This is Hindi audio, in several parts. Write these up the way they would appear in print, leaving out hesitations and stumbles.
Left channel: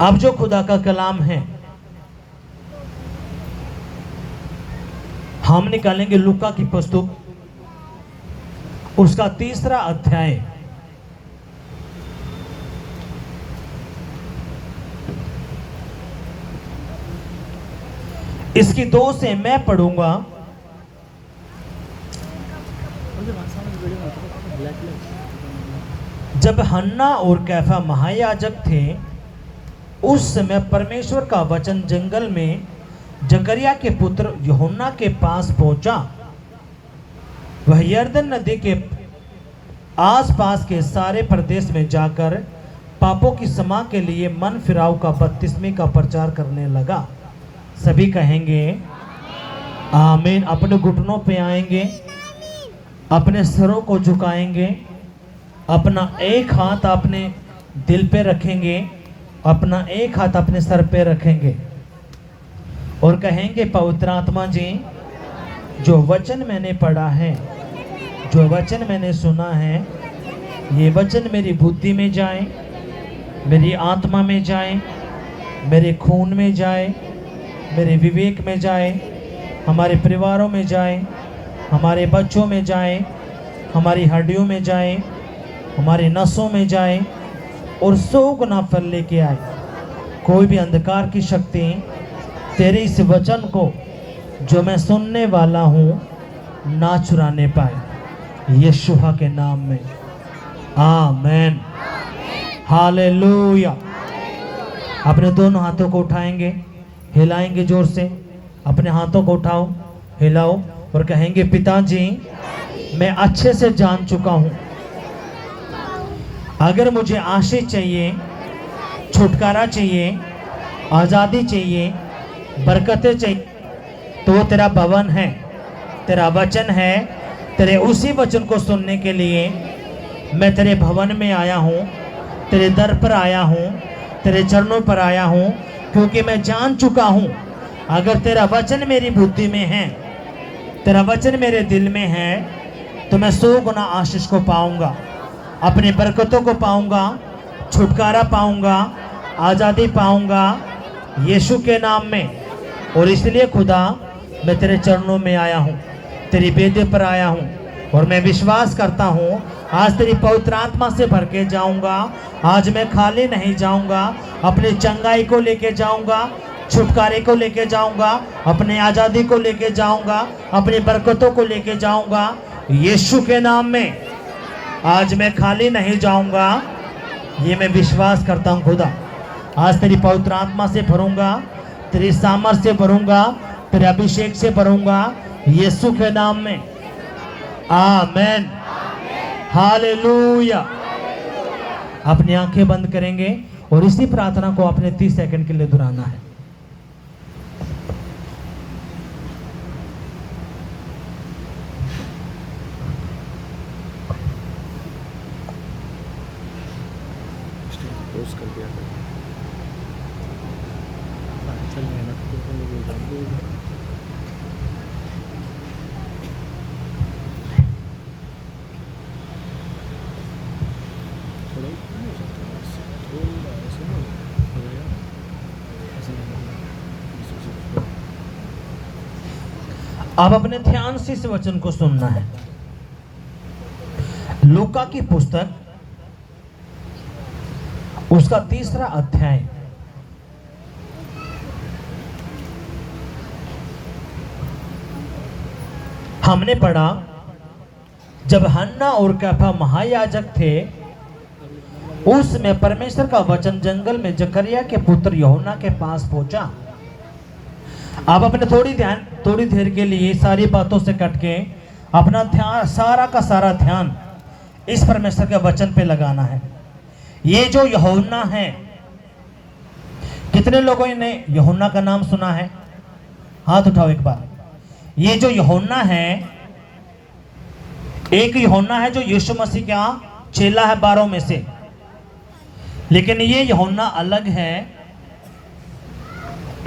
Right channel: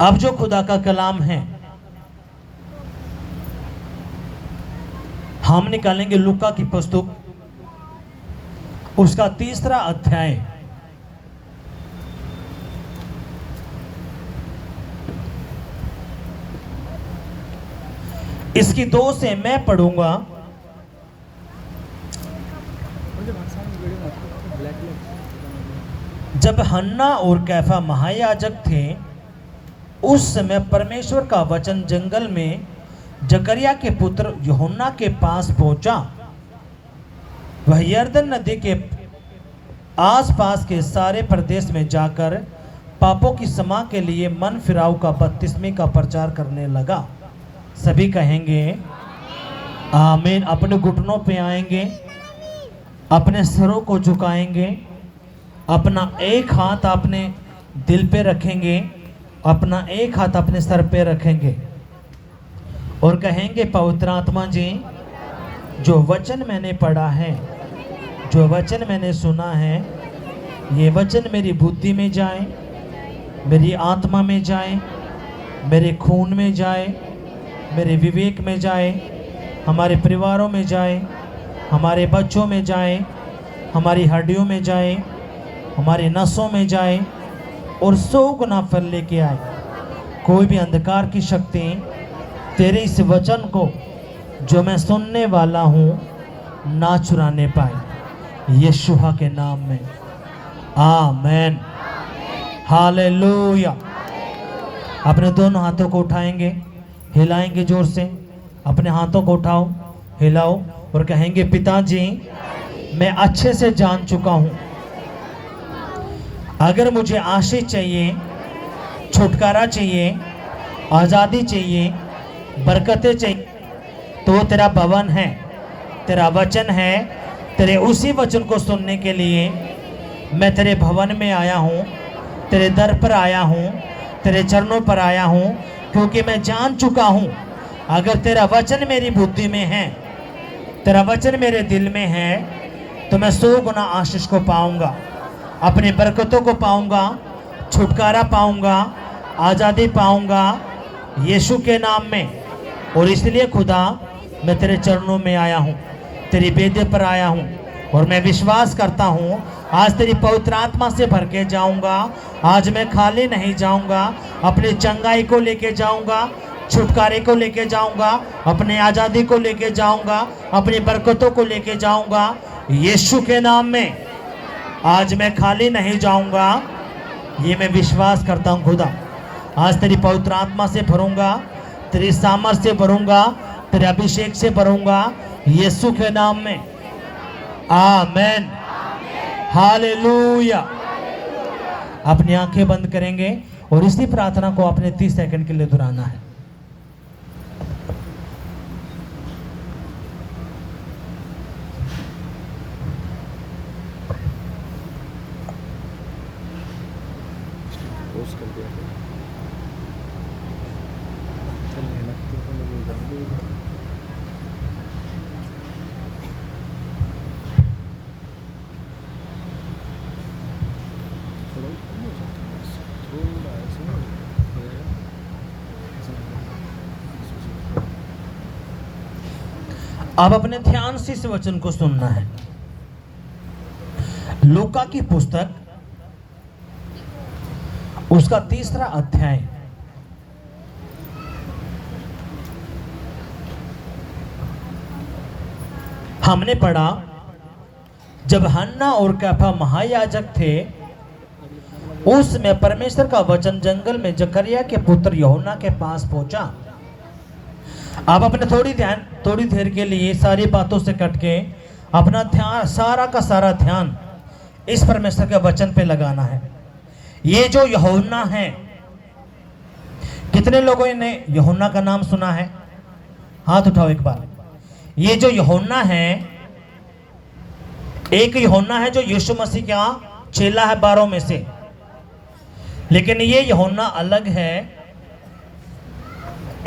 अब जो खुदा का कलाम है हम निकालेंगे लूका की पुस्तक उसका 3रा अध्याय। इसकी 2 से मैं पढ़ूंगा। जब हन्ना और कैफा महायाजक थे उस समय परमेश्वर का वचन जंगल में जकरिया के पुत्र यूहन्ना के पास पहुंचा। वह यरदन नदी के आसपास के सारे प्रदेश में जाकर पापों की क्षमा के लिए मन फिराव का बपतिस्मे का प्रचार करने लगा। सभी कहेंगे आमीन। अपने घुटनों पे आएंगे, अपने सिरों को झुकाएंगे, अपना एक हाथ अपने दिल पे रखेंगे, अपना एक हाथ अपने सर पे रखेंगे और कहेंगे पवित्र आत्मा जी, जो वचन मैंने पढ़ा है, जो वचन मैंने सुना है, ये वचन मेरी बुद्धि में जाए, मेरी आत्मा में जाए, मेरे खून में जाए, मेरे विवेक में जाए, हमारे परिवारों में जाए, हमारे बच्चों में जाए, हमारी हड्डियों में जाए, हमारी नसों में जाए और 100 गुना फल लेके आए। कोई भी अंधकार की शक्ति तेरे इस वचन को जो मैं सुनने वाला हूँ ना चुराने पाए, यीशु के नाम में आमेन। हालेलुया। अपने दोनों हाथों को उठाएंगे, हिलाएंगे जोर से। अपने हाथों को उठाओ, हिलाओ और कहेंगे पिताजी, मैं अच्छे से जान चुका हूँ, अगर मुझे आशीष चाहिए, छुटकारा चाहिए, आज़ादी चाहिए, बरकतें चाहिए, तो तेरा भवन है, तेरा वचन है। तेरे उसी वचन को सुनने के लिए मैं तेरे भवन में आया हूँ, तेरे दर पर आया हूँ, तेरे चरणों पर आया हूँ, क्योंकि मैं जान चुका हूँ अगर तेरा वचन मेरी बुद्धि में है, तेरा वचन मेरे दिल में है, तो मैं 100 गुना आशीष को पाऊंगा, अपनी बरकतों को पाऊंगा, छुटकारा पाऊंगा, आज़ादी पाऊंगा यीशु के नाम में। और इसलिए खुदा मैं तेरे चरणों में आया हूँ, तेरी बेदे पर आया हूँ और मैं विश्वास करता हूँ आज तेरी पवित्र आत्मा से भर के जाऊँगा। आज मैं खाली नहीं जाऊँगा, अपनी चंगाई को लेके जाऊँगा, छुटकारे को लेके जाऊँगा, अपने आज़ादी को लेके जाऊँगा, अपनी बरकतों को लेके जाऊँगा यीशु के नाम में। आज मैं खाली नहीं जाऊंगा, ये मैं विश्वास करता हूं खुदा। आज तेरी पवित्र आत्मा से भरूंगा, तेरी सामर्थ से भरूंगा, तेरे अभिषेक से भरूंगा यीशु के नाम में आमेन। हालेलुया। अपनी आंखें बंद करेंगे और इसी प्रार्थना को अपने 30 सेकंड के लिए दोहराना है। पोस्ट कर दिया चल मेहनत करने जाऊंगी। थोड़ा ऐसे हो गया। अब अपने ध्यान से इस वचन को सुनना है। लूका की पुस्तक उसका 3रा अध्याय। हमने पढ़ा जब हन्ना और कैफा महायाजक थे उसमें परमेश्वर का वचन जंगल में जकरिया के पुत्र यूहन्ना के पास पहुंचा। अब अपने थोड़ी देर के लिए सारी बातों से कट के अपना ध्यान, सारा का सारा ध्यान इस परमेश्वर के वचन पे लगाना है। ये जो यूहन्ना है, कितने लोगों ने यूहन्ना का नाम सुना है? हाथ उठाओ एक बार। ये जो यूहन्ना है, एक यूहन्ना है जो यीशु मसीह का चेला है 12 में से, लेकिन ये यूहन्ना अलग है।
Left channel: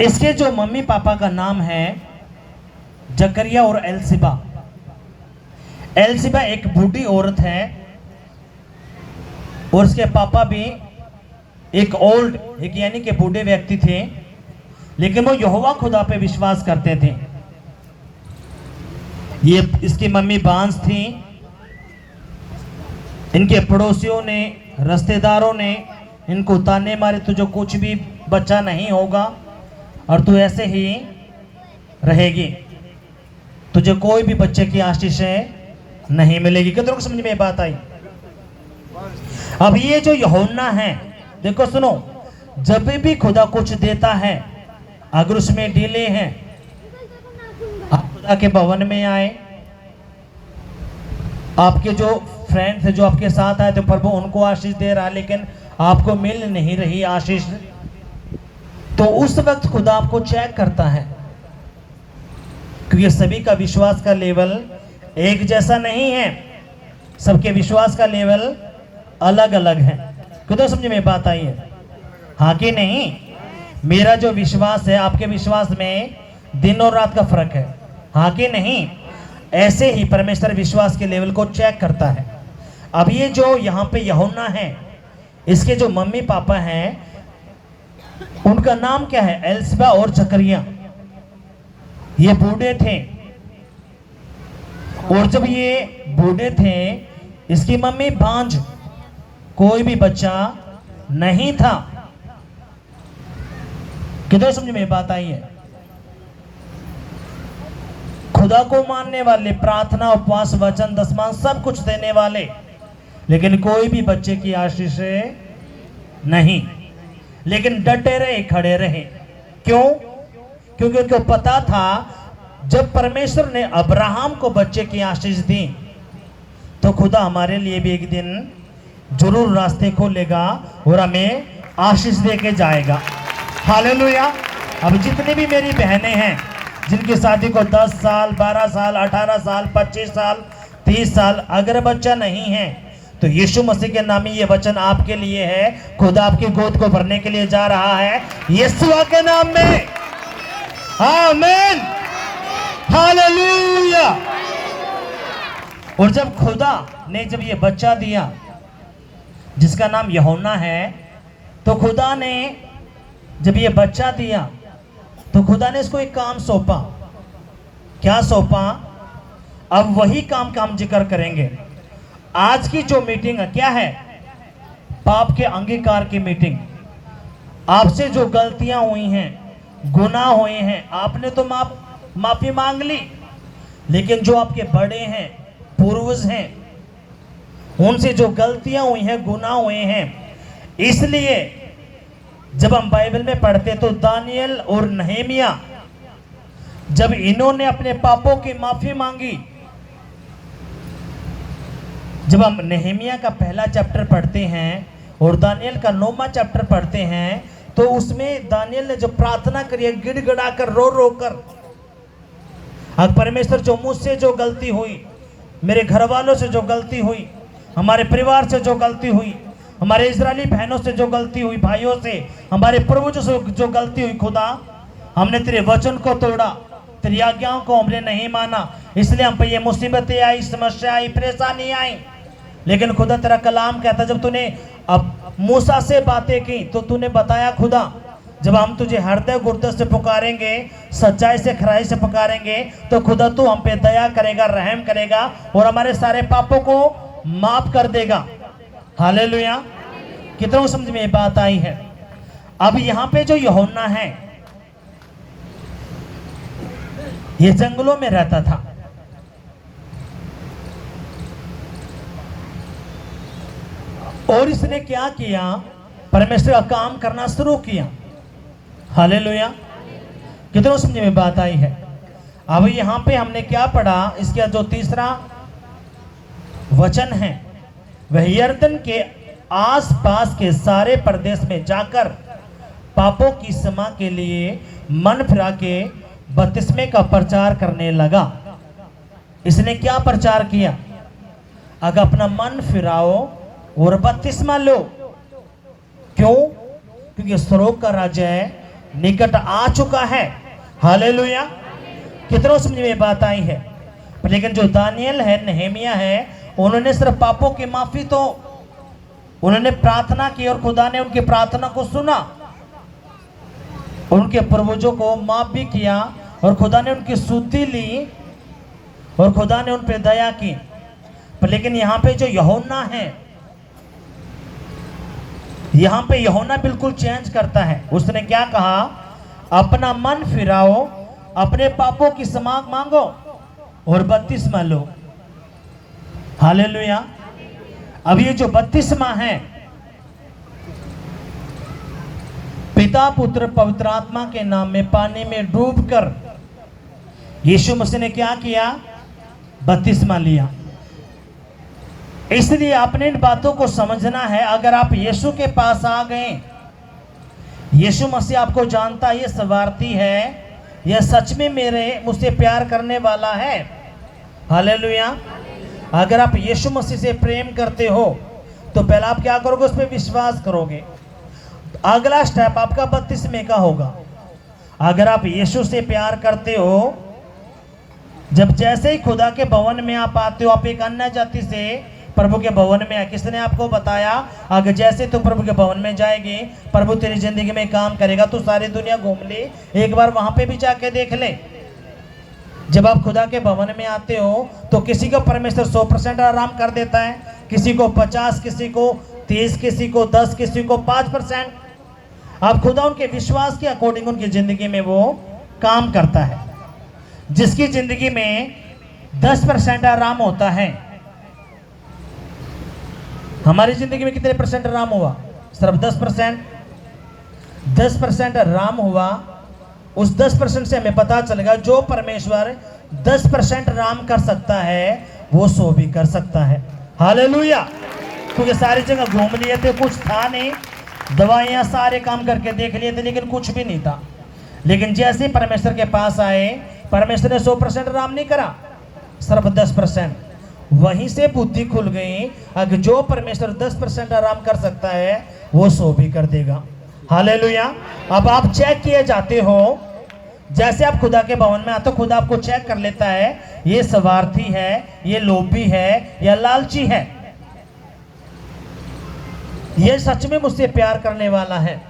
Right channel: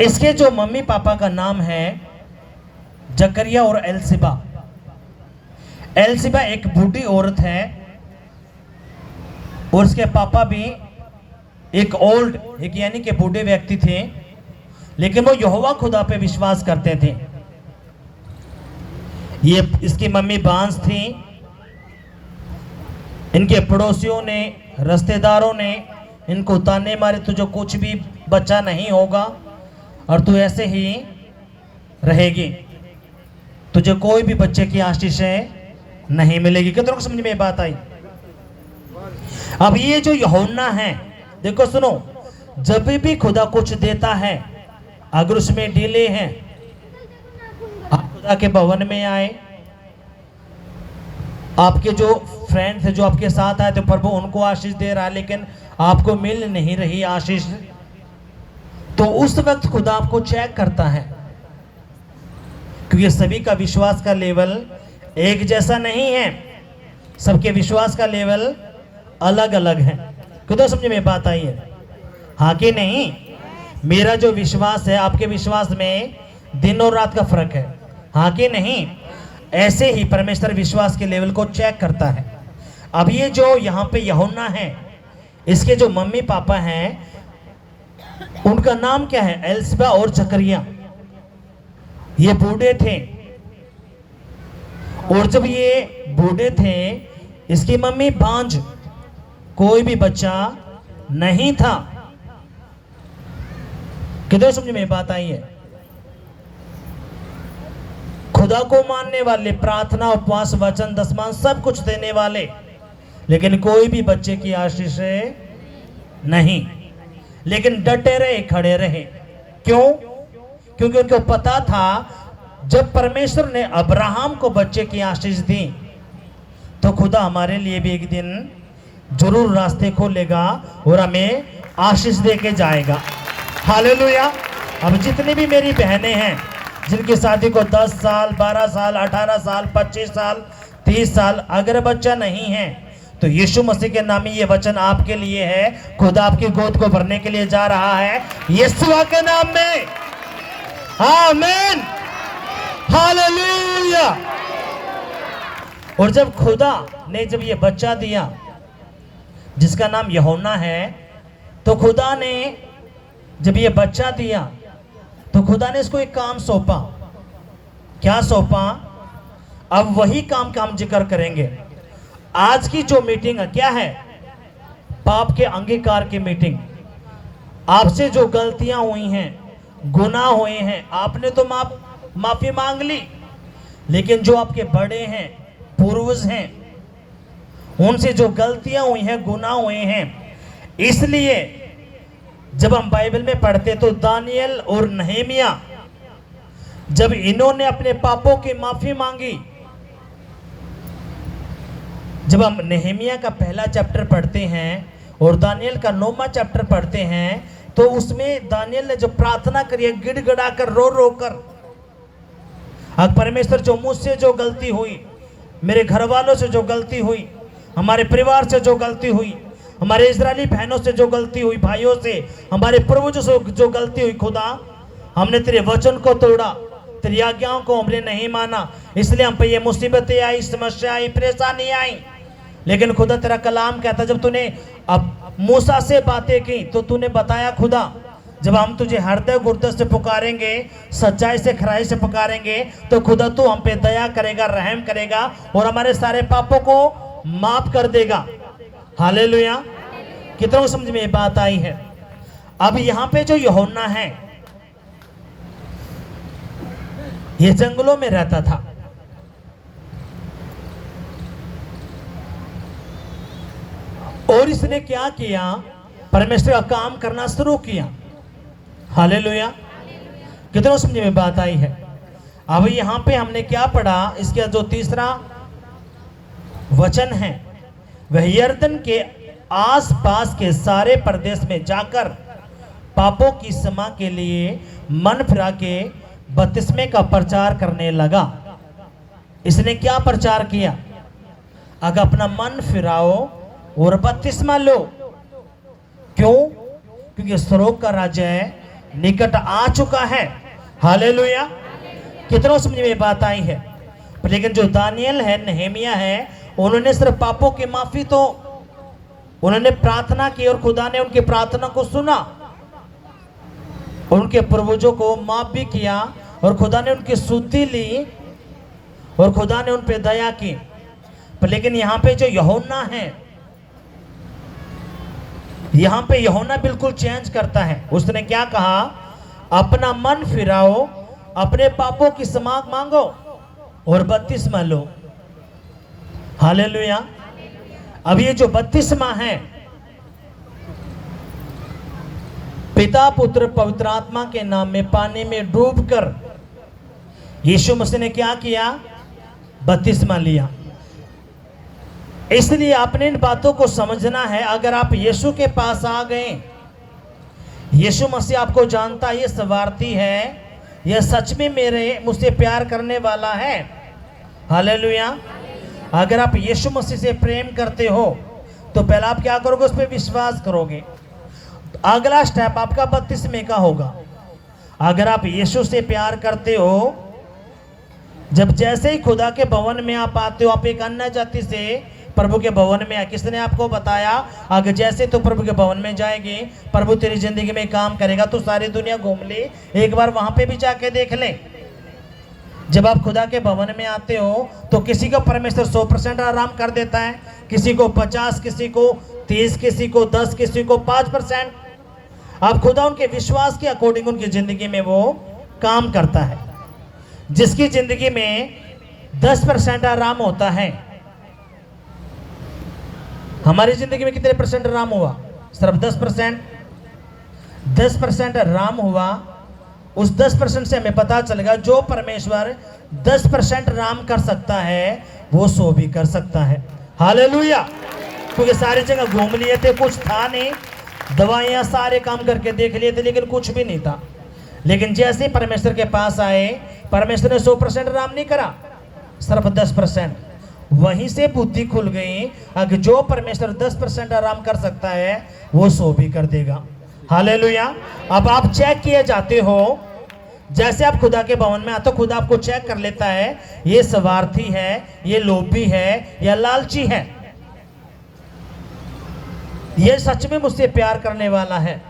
इसके जो मम्मी पापा का नाम है जकरिया और एलसिबा। एलसिबा एक बूढ़ी औरत है और उसके पापा भी एक ओल्ड, एक यानी कि बूढ़े व्यक्ति थे, लेकिन वो यहोवा खुदा पे विश्वास करते थे। ये इसकी मम्मी बांस थी। इनके पड़ोसियों ने, रिश्तेदारों ने इनको ताने मारे, तुझे कुछ भी बच्चा नहीं होगा और तू ऐसे ही रहेगी, तुझे कोई भी बच्चे की आशीषें नहीं मिलेगी। कितनों को समझ में बात आई? अब ये जो यूहन्ना है, देखो सुनो, जब भी खुदा कुछ देता है, अगर उसमें डीले हैं, आप खुदा के भवन में आए, आपके जो फ्रेंड्स हैं जो आपके साथ आए थे, प्रभु उनको आशीष दे रहा है लेकिन आपको मिल नहीं रही आशीष, तो उस वक्त खुदा आपको चेक करता है, क्योंकि सभी का विश्वास का लेवल एक जैसा नहीं है, सबके विश्वास का लेवल अलग अलग है। कितना समझ में बात आई है? हाँ कि नहीं? मेरा जो विश्वास है, आपके विश्वास में दिन और रात का फर्क है, हाँ कि नहीं? ऐसे ही परमेश्वर विश्वास के लेवल को चेक करता है। अब ये जो यहाँ पे यूहन्ना है, इसके जो मम्मी पापा हैं, उनका नाम क्या है? एलिसबा और जकरिया। ये बूढ़े थे, और जब ये बूढ़े थे, इसकी मम्मी बांझ, कोई भी बच्चा नहीं था। किधर समझ में बात आई है? खुदा को मानने वाले, प्रार्थना, उपवास, वचन, दसमां सब कुछ देने वाले, लेकिन कोई भी बच्चे की आशीष नहीं। लेकिन डटे रहे, खड़े रहे। क्यों? क्योंकि उनको पता था जब परमेश्वर ने अब्राहम को बच्चे की आशीष दी, तो खुदा हमारे लिए भी एक दिन जरूर रास्ते खोलेगा और हमें आशीष दे के जाएगा। हालेलुया। अब जितनी भी मेरी बहनें हैं जिनकी शादी को 10 साल, 12 साल, 18 साल, 25 साल, 30 साल, अगर बच्चा नहीं है, तो यीशु मसीह के नाम में ये वचन आपके लिए है। खुदा आपकी गोद को भरने के लिए जा रहा है, यीशु के नाम में। आमीन, हालेलुया। और जब खुदा ने जब ये बच्चा दिया जिसका नाम यूहन्ना है, तो खुदा ने जब ये बच्चा दिया तो खुदा ने इसको एक काम सौंपा। क्या सौंपा? अब वही काम का हम जिक्र करेंगे। आज की जो मीटिंग है, क्या है? पाप के अंगीकार की मीटिंग। आपसे जो गलतियां हुई हैं, गुनाह हुए हैं, आपने तो माफी मांग ली, लेकिन जो आपके बड़े हैं, पूर्वज हैं, उनसे जो गलतियां हुई हैं, गुनाह हुए हैं, इसलिए जब हम बाइबल में पढ़ते तो दानियल और नहमिया, जब इन्होंने अपने पापों की माफी मांगी, जब हम नहमिया का पहला चैप्टर पढ़ते हैं और दानियल का 9वां चैप्टर पढ़ते हैं, तो उसमें दानियल ने जो प्रार्थना करी है, गिड़गिड़ा कर, रो रो कर, अब परमेश्वर जो मुझसे जो गलती हुई, मेरे घर वालों से जो गलती हुई, हमारे परिवार से जो गलती हुई, हमारे इजरायली बहनों से जो गलती हुई, भाइयों से, हमारे पूर्वजों से जो गलती हुई, खुदा हमने तेरे वचन को तोड़ा, तेरी आज्ञाओं को हमने नहीं माना, इसलिए हम पे ये मुसीबतें आई, समस्या आई, परेशानी आई। लेकिन खुदा तेरा कलाम कहता, जब तूने अब मूसा से बातें की तो तूने बताया, खुदा जब हम तुझे हृदय गुर्दे से पुकारेंगे, सच्चाई से, खराई से पुकारेंगे, तो खुदा तू हम पे दया करेगा, रहम करेगा और हमारे सारे पापों को माफ कर देगा। हालेलुया। कितना समझ में बात आई है? अब यहाँ पे जो यूहन्ना है, ये जंगलों में रहता था। और इसने क्या किया? परमेश्वर का काम करना शुरू किया। हालेलुया। कितना समझ में बात आई है? अब यहाँ पे हमने क्या पढ़ा? इसका जो तीसरा वचन है, वह यरदन के आसपास के सारे प्रदेश में जाकर पापों की क्षमा के लिए मन फिरा के बपतिस्मे का प्रचार करने लगा। इसने क्या प्रचार किया? अगर अपना मन फिराओ और बपतिस्मा लो। क्यों? क्योंकि स्वर्ग का राज्य निकट आ चुका है। हालेलुया। कितना समझ में बात आई है? लेकिन जो दानियल है, नहमिया है, उन्होंने सिर्फ पापों की माफी तो उन्होंने प्रार्थना की और खुदा ने उनकी प्रार्थना को सुना, उनके पूर्वजों को माफ भी किया और खुदा ने उनकी स्तुति ली और खुदा ने उन पे दया की। पर लेकिन यहाँ पे जो यूहन्ना है, यहाँ पे यूहन्ना बिल्कुल चेंज करता है। उसने क्या कहा? अपना मन फिराओ, अपने पापों की क्षमा मांगो और बपतिस्मा लो। हालेलुया। अब ये जो बपतिस्मा है, पिता पुत्र पवित्र आत्मा के नाम में पानी में डूबकर यीशु मसीह ने क्या किया? बपतिस्मा लिया। इसलिए अपने इन बातों को समझना है। अगर आप यीशु के पास आ गए, यीशु मसीह आपको जानता है, ये स्वार्थी है, यह सच में मुझसे प्यार करने वाला है। हालेलुया। अगर आप यीशु मसीह से प्रेम करते हो तो पहले आप क्या करोगे? उस पर विश्वास करोगे। अगला स्टेप आपका बपतिस्मे का होगा। अगर आप यीशु से प्यार करते हो, जब जैसे ही खुदा के भवन में आप आते हो, आप एक अन्य जाति से प्रभु के भवन में, किसने आपको बताया? अगर जैसे तो प्रभु के भवन में जाएगी, प्रभु तेरी जिंदगी में काम करेगा, तो सारी दुनिया घूम ले, एक बार वहां पे भी जाके देख ले। जब आप खुदा के भवन में आते हो तो किसी को परमेश्वर 100% आराम कर देता है, किसी को 50, किसी को 30, किसी को 10, किसी को 5%। आप खुदा उनके विश्वास के अकॉर्डिंग उनकी जिंदगी में वो काम करता है। जिसकी जिंदगी में 10% आराम होता है, हमारी जिंदगी में कितने परसेंट आराम हुआ? सिर्फ 10%। 10% आराम हुआ। उस 10% से हमें पता चलेगा जो परमेश्वर 10% आराम कर सकता है, वो 100 भी कर सकता है। हालेलुया। क्योंकि सारी जगह घूम लिए थे, कुछ था नहीं, दवाइयां सारे काम करके देख लिए थे, लेकिन कुछ भी नहीं था। लेकिन जैसे परमेश्वर के पास आए, परमेश्वर ने 100% आराम नहीं करा, सिर्फ 10%। वहीं से बुद्धि खुल गई। अगर जो परमेश्वर 10% आराम कर सकता है, वो 100 भी कर देगा। हालेलुया। अब आप चेक किए जाते हो, जैसे आप खुदा के भवन में आते हो, खुदा आपको चेक कर लेता है, ये स्वार्थी है, ये लोभी है, या लालची है, ये सच में मुझसे प्यार करने वाला है।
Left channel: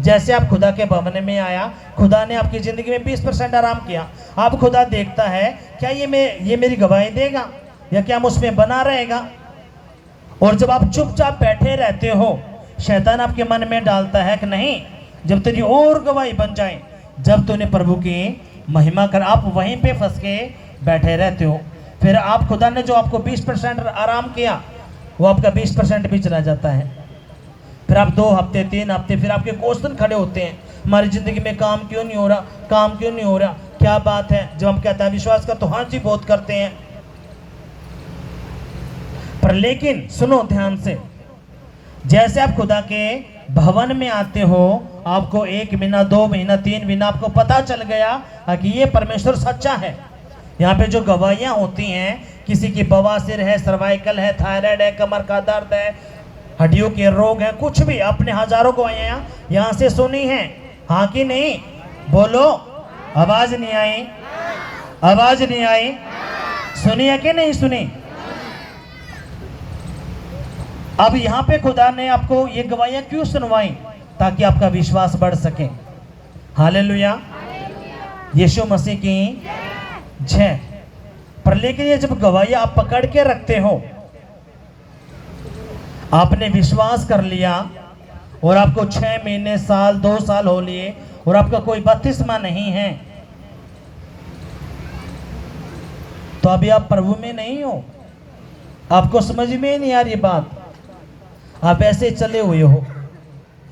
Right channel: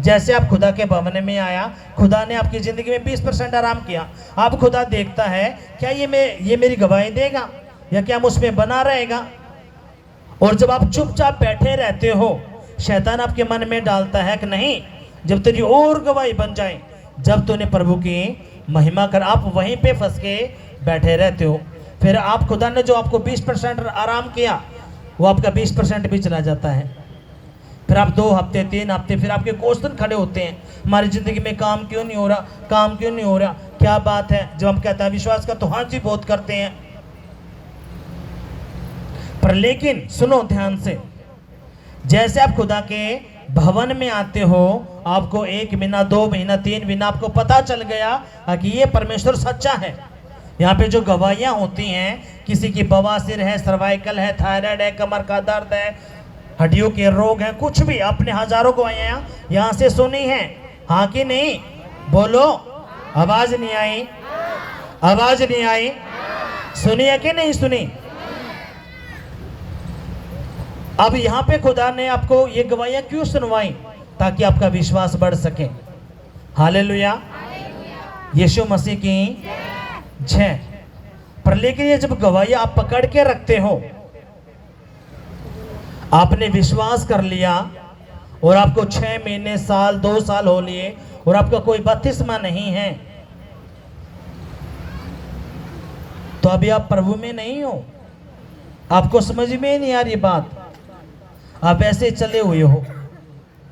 जैसे आप खुदा के भवन में आया, खुदा ने आपकी जिंदगी में 20% आराम किया। अब खुदा देखता है, क्या ये मेरी गवाही देगा, या क्या मुझ में बना रहेगा? और जब आप चुपचाप बैठे रहते हो, शैतान आपके मन में डालता है कि नहीं, जब तेरी और गवाही बन जाए, जब तूने प्रभु की महिमा कर, आप वहीं पे फंस के बैठे रहते हो। फिर आप खुदा ने जो आपको 20% आराम किया, वो आपका 20% भी चला जाता है। फिर आप 2 हफ्ते 3 हफ्ते, फिर आपके क्वेश्चन खड़े होते हैं, हमारी जिंदगी में काम क्यों नहीं हो रहा, काम क्यों नहीं हो रहा, क्या बात है? जब हम कहता है विश्वास का, तो हाँ जी बहुत करते हैं, पर लेकिन सुनो ध्यान से, जैसे आप खुदा के भवन में आते हो, आपको 1 महीना 2 महीना 3 महीना आपको पता चल गया कि ये परमेश्वर सच्चा है। यहाँ पे जो गवाहियाँ होती हैं, किसी की बवासीर है, सर्वाइकल है, थायराइड है, कमर का दर्द है, हड्डियों के रोग है, कुछ भी, आपने हजारों गवाहियाँ यहाँ से सुनी हैं, हाँ कि नहीं? बोलो। आवाज नहीं आई? आवाज नहीं आई? सुनी है कि नहीं सुनी? अब यहाँ पे खुदा ने आपको ये गवाहियां क्यों सुनवाई? ताकि आपका विश्वास बढ़ सके। हालेलुया। यीशु मसीह की जय। पर लेकिन ये जब गवाहियां आप पकड़ के रखते हो, आपने विश्वास कर लिया और आपको 6 महीने, साल, 2 साल हो लिए और आपका कोई बपतिस्मा नहीं है, तो अभी आप प्रभु में नहीं हो। आपको समझ में नहीं आ रही बात, आप ऐसे चले हुए हो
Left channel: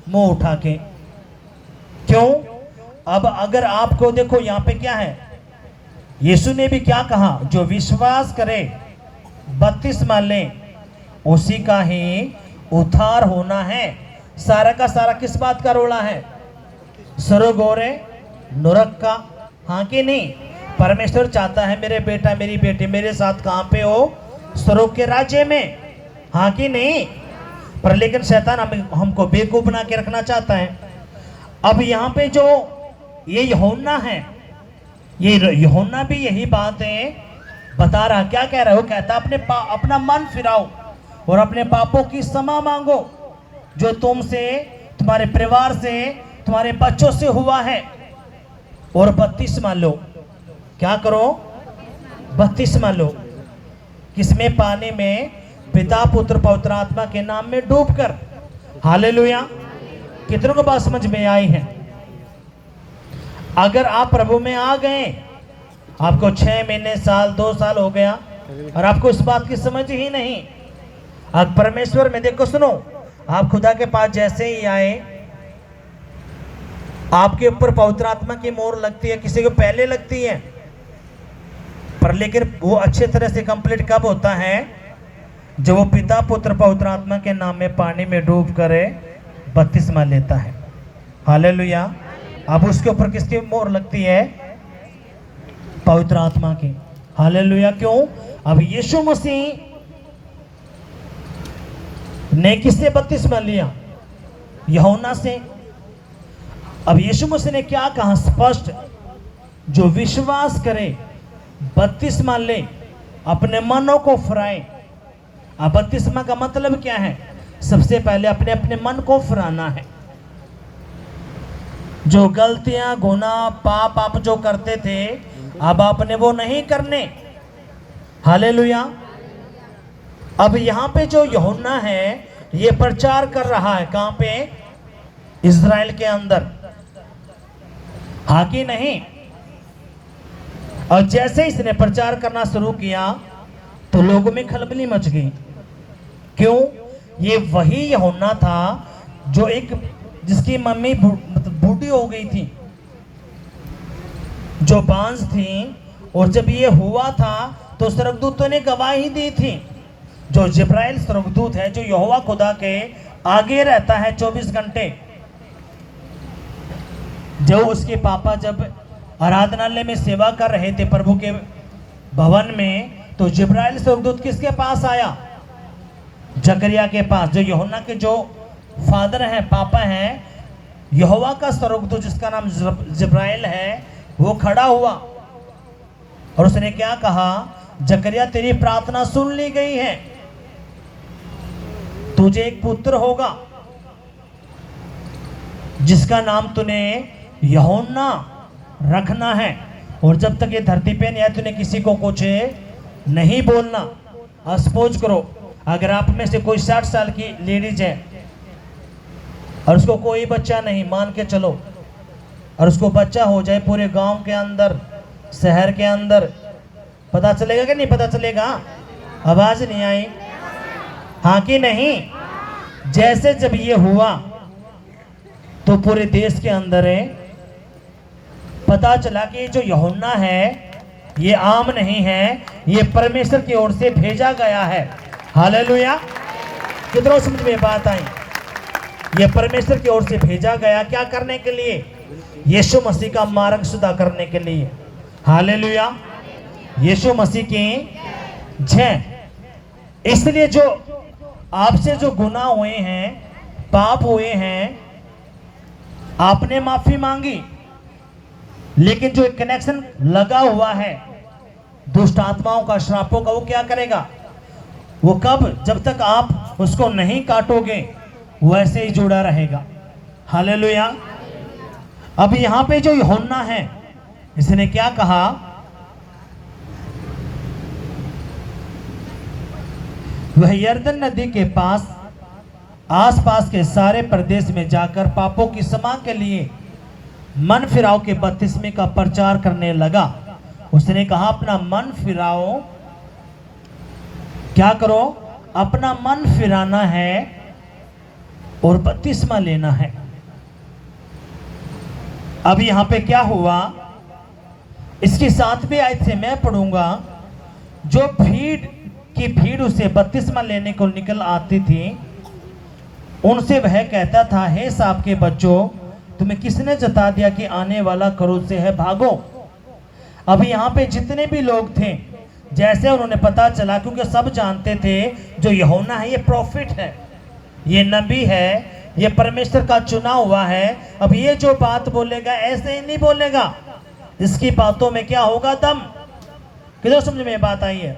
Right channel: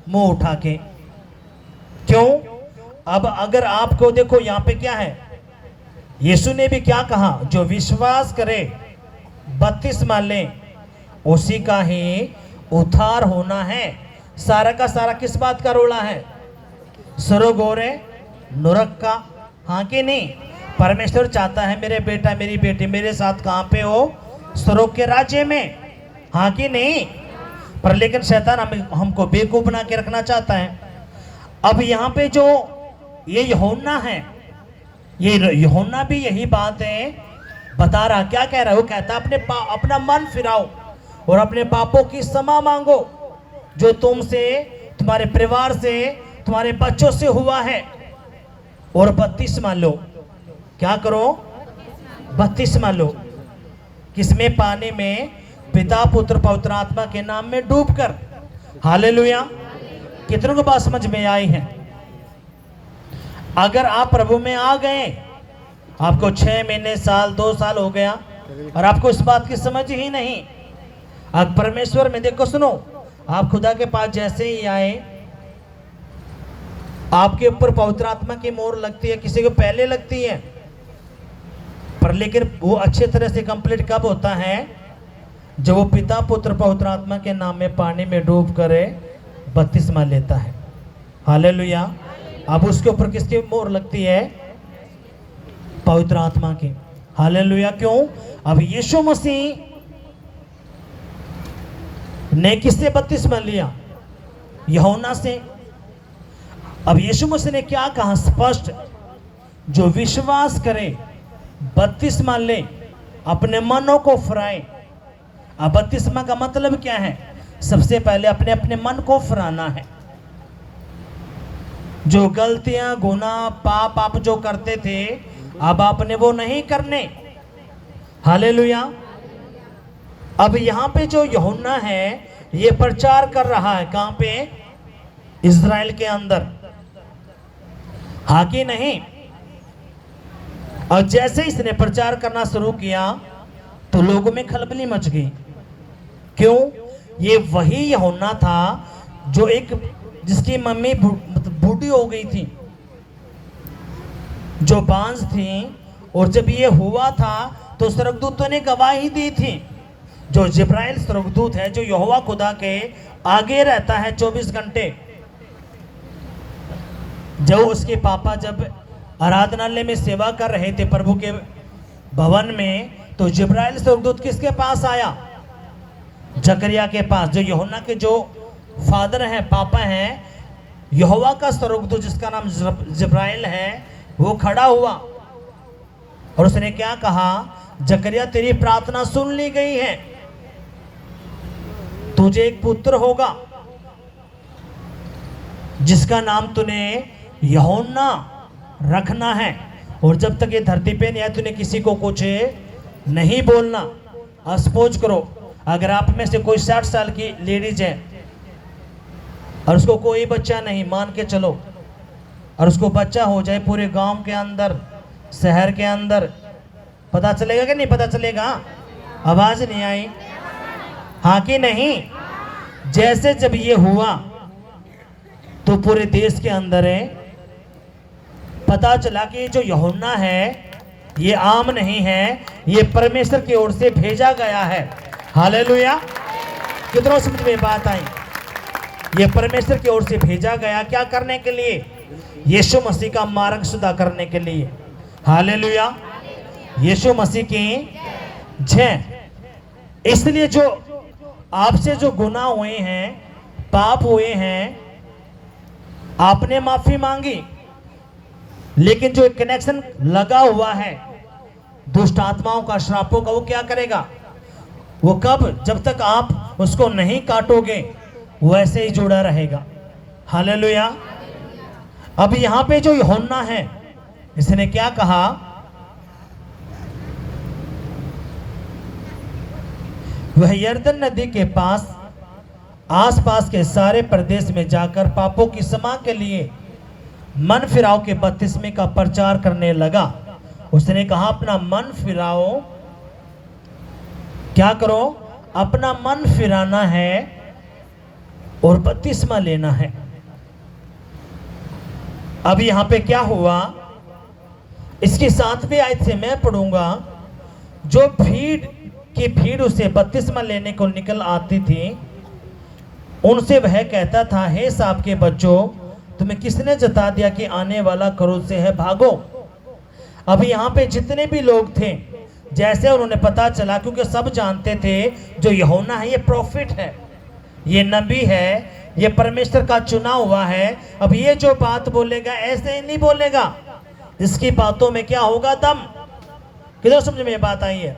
मुंह उठा के। क्यों? अब अगर आपको देखो, यहां पे क्या है, यीशु ने भी क्या कहा? जो विश्वास करे, बपतिस्मा ले, उसी का ही उद्धार होना है। सारा का सारा किस बात का रोड़ा है? स्वर्ग और नरक का, हाँ कि नहीं? परमेश्वर चाहता है मेरे बेटा मेरी बेटी मेरे साथ कहां पे हो? स्वर्ग के राज्य में, हाँ कि नहीं? पर लेकिन शैतान हमको बेवकूफ बना के रखना चाहता है। अब यहाँ पे जो ये यूहन्ना है, ये यूहन्ना भी यही बात है बता रहा। क्या कह रहा है? वो कहता अपना मन फिराओ और अपने पापों की क्षमा मांगो जो तुमसे, तुम्हारे परिवार से, तुम्हारे बच्चों से हुआ है, और बपतिस्मा लो। क्या करो? बपतिस्मा लो। किसमें? पानी में, पिता पुत्र पवित्र आत्मा के नाम में डूबकर। हालेलुया। कितनों को बात समझ में आई है? अगर आप प्रभु में आ गए, आपको 6 महीने, साल, 2 साल हो गया और आपको इस बात की समझ ही नहीं, आज परमेश्वर में देखो, सुनो, आप खुदा के पास जैसे ही आए, आपके ऊपर पवित्र आत्मा की मोहर लगती है, किसी को पहले लगती है, पर लेकिन वो अच्छे तरह से कंप्लीट कब होता है? जब वो पिता पुत्र पवित्र आत्मा के नाम में पानी में डूब कर बपतिस्मा लेता है। हालेलुया। अब उसके ऊपर किसकी मोहर लगती है? पवित्र आत्मा की। हालेलुया। क्यों? अब यीशु मसीह ने किससे बपतिस्मा लिया? यूहन्ना से। अब यीशु मसीह ने क्या कहा स्पष्ट? जो विश्वास करे, बपतिस्मा ले, अपने मनों को फिराए। अब बपतिस्मा का मतलब क्या है? सबसे पहले अपने अपने मन को फिराना है। जो गलतियां, गुनाह, पाप आप जो करते थे, अब आपने वो नहीं करने। हालेलुया। अब यहाँ पे जो यूहन्ना है, ये प्रचार कर रहा है। कहाँ पे? इज़राइल के अंदर। हाँ कि नहीं? और जैसे इसने प्रचार करना शुरू किया तो लोगों में खलबली मच गई। क्यों? ये वही यूहन्ना था जो जिसकी मम्मी बूढ़ी हो गई थी, जो बांझ थी, और जब ये हुआ था तो स्वर्गदूतों ने गवाही दी थी। जो जिब्राइल स्वर्गदूत है, जो यहोवा खुदा के आगे रहता है 24 घंटे। जो उसके पापा जब आराधनालय में सेवा कर रहे थे प्रभु के भवन में, तो जिब्राइल स्वर्गदूत किसके पास आया? जकरिया के पास। जो यूहन्ना के जो फादर हैं, पापा हैं, यहोवा का स्वर्गदूत जिसका नाम जिब्राइल है, वो खड़ा हुआ और उसने क्या कहा? जकरिया, तेरी प्रार्थना सुन ली गई है, तुझे एक पुत्र होगा जिसका नाम तूने यूहन्ना रखना है, और जब तक ये धरती पे नहीं है तूने किसी को कुछ नहीं बोलना। सपोज करो, अगर आप में से कोई 60 साल की लेडीज है और उसको कोई बच्चा नहीं, मान के चलो, और उसको बच्चा हो जाए पूरे गांव के अंदर, शहर के अंदर, पता चलेगा कि नहीं पता चलेगा? आवाज नहीं आई? हाँ कि नहीं? जैसे जब ये हुआ तो पूरे देश के अंदर पता चला कि जो यूहन्ना है ये आम नहीं है, ये परमेश्वर की ओर से भेजा गया है। हालेलुया। कितना समझ में बात आई? ये परमेश्वर की ओर से भेजा गया, क्या करने के लिए? यीशु मसीह का मार्ग सुधा करने के लिए। हालेलुया। यीशु मसीह की जय। इसलिए जो आपसे जो गुनाह हुए हैं, पाप हुए हैं, आपने माफी मांगी, लेकिन जो एक कनेक्शन लगा हुआ है दुष्ट आत्माओं का, श्रापों का, वो क्या करेगा? वो कब? जब तक आप उसको नहीं काटोगे वो ऐसे ही जुड़ा रहेगा। हालेलुया। अब यहां पे जो यूहन्ना है, इसने क्या कहा? वह यरदन नदी के पास आसपास के सारे प्रदेश में जाकर पापों की क्षमा के लिए मन फिराओ के बपतिस्मे का प्रचार करने लगा। उसने कहा अपना मन फिराओ। क्या करो? अपना मन फिराना है और बपतिस्मा लेना है। अब यहां पे क्या हुआ? इसके 7वें आयत से मैं पढ़ूंगा। जो भीड़ उसे बपतिस्मा लेने को निकल आती थी, उनसे वह कहता था, हे साहब के बच्चों, तुम्हें किसने जता दिया कि आने वाला क्रूस से है, भागो। अभी यहाँ पे जितने भी लोग थे, जैसे उन्होंने पता चला, क्योंकि सब जानते थे जो यूहन्ना है ये प्रॉफिट है, ये नबी है, ये परमेश्वर का चुना हुआ है। अब ये जो बात बोलेगा ऐसे ही नहीं बोलेगा, इसकी बातों में क्या होगा? दम। किधर समझ में बात आई है?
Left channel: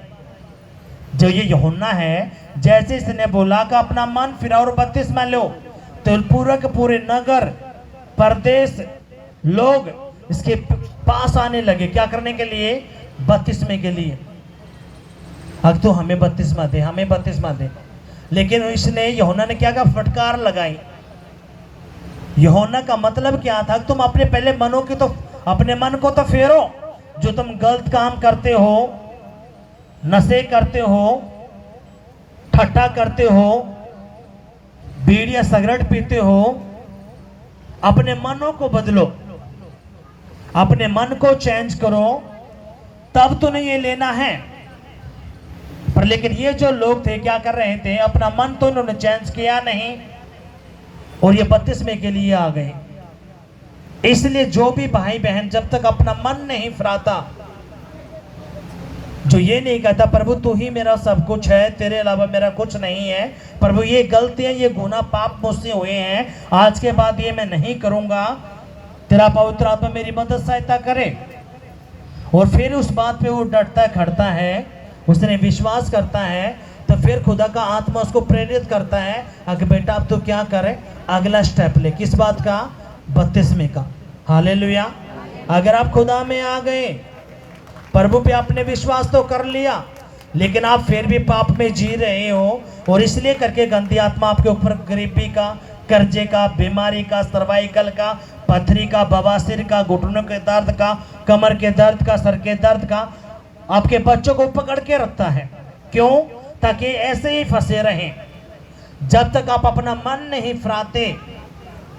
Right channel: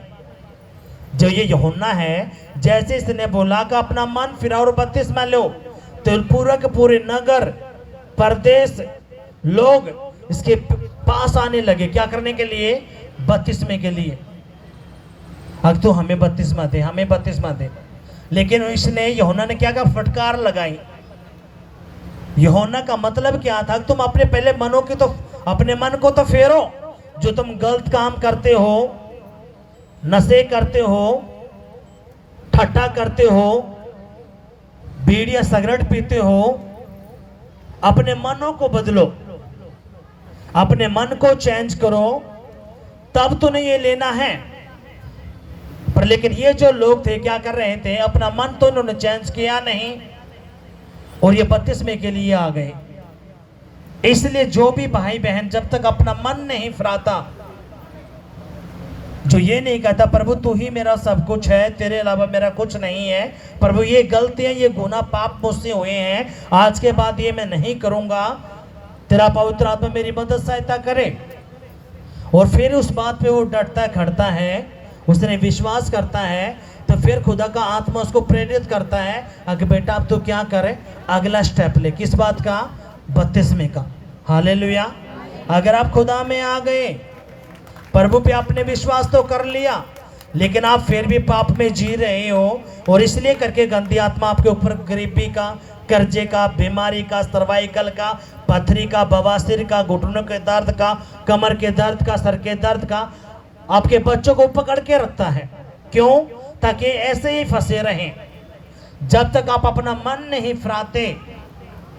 जो ये यूहन्ना है, जैसे इसने बोला कि अपना मन फिराओ और बपतिस्मा लो, तो पूरे के पूरे नगर प्रदेश लोग इसके पास आने लगे। क्या करने के लिए? बपतिस्मे के लिए। अब तो हमें बपतिस्मा दे, हमें बपतिस्मा दे। लेकिन इसने, यूहन्ना ने क्या कहा? फटकार लगाई। यूहन्ना का मतलब क्या था? तुम अपने पहले मनों की तो, अपने मन को तो फेरो। जो तुम गलत काम करते हो, नशे करते हो, ठट्टा करते हो, बीड़ी या सिगरेट पीते हो, अपने मनों को बदलो, अपने मन को चेंज करो, तब तो नहीं ये लेना है। पर लेकिन ये जो लोग थे क्या कर रहे थे? अपना मन तो उन्होंने चेंज किया नहीं और ये बपतिस्मे के लिए आ गए। इसलिए जो भी भाई बहन जब तक अपना मन नहीं फिराता, जो ये नहीं कहता प्रभु तू ही मेरा सब कुछ है, तेरे अलावा मेरा कुछ नहीं है, प्रभु ये गलतियां, ये गुनाह, पाप मुझसे हुए हैं, आज के बाद ये मैं नहीं करूंगा, तेरा पवित्र आत्मा मेरी मदद सहायता करे। और फिर उस बात पे वो डटता खड़ता है, उसने विश्वास करता है, तो फिर खुदा का आत्मा उसको प्रेरित करता है, अगर बेटा अब तो क्या करे, अगला स्टेप ले। किस बात का? बपतिस्मे का। हालेलुया। अगर आप खुदा में आ गए, प्रभु पे आपने विश्वास तो कर लिया, लेकिन आप फिर भी पाप में जी रहे हो, और इसलिए करके गंदी आत्मा आपके ऊपर गरीबी का, कर्जे का, बीमारी का, सर्वाइकल का, पथरी का, बवासीर का, घुटनों के दर्द का, कमर के दर्द का, सर के दर्द का, आपके बच्चों को पकड़ के रखता है। क्यों? ताकि ऐसे ही फंसे रहें। जब तक आप अपना मन नहीं फिराते,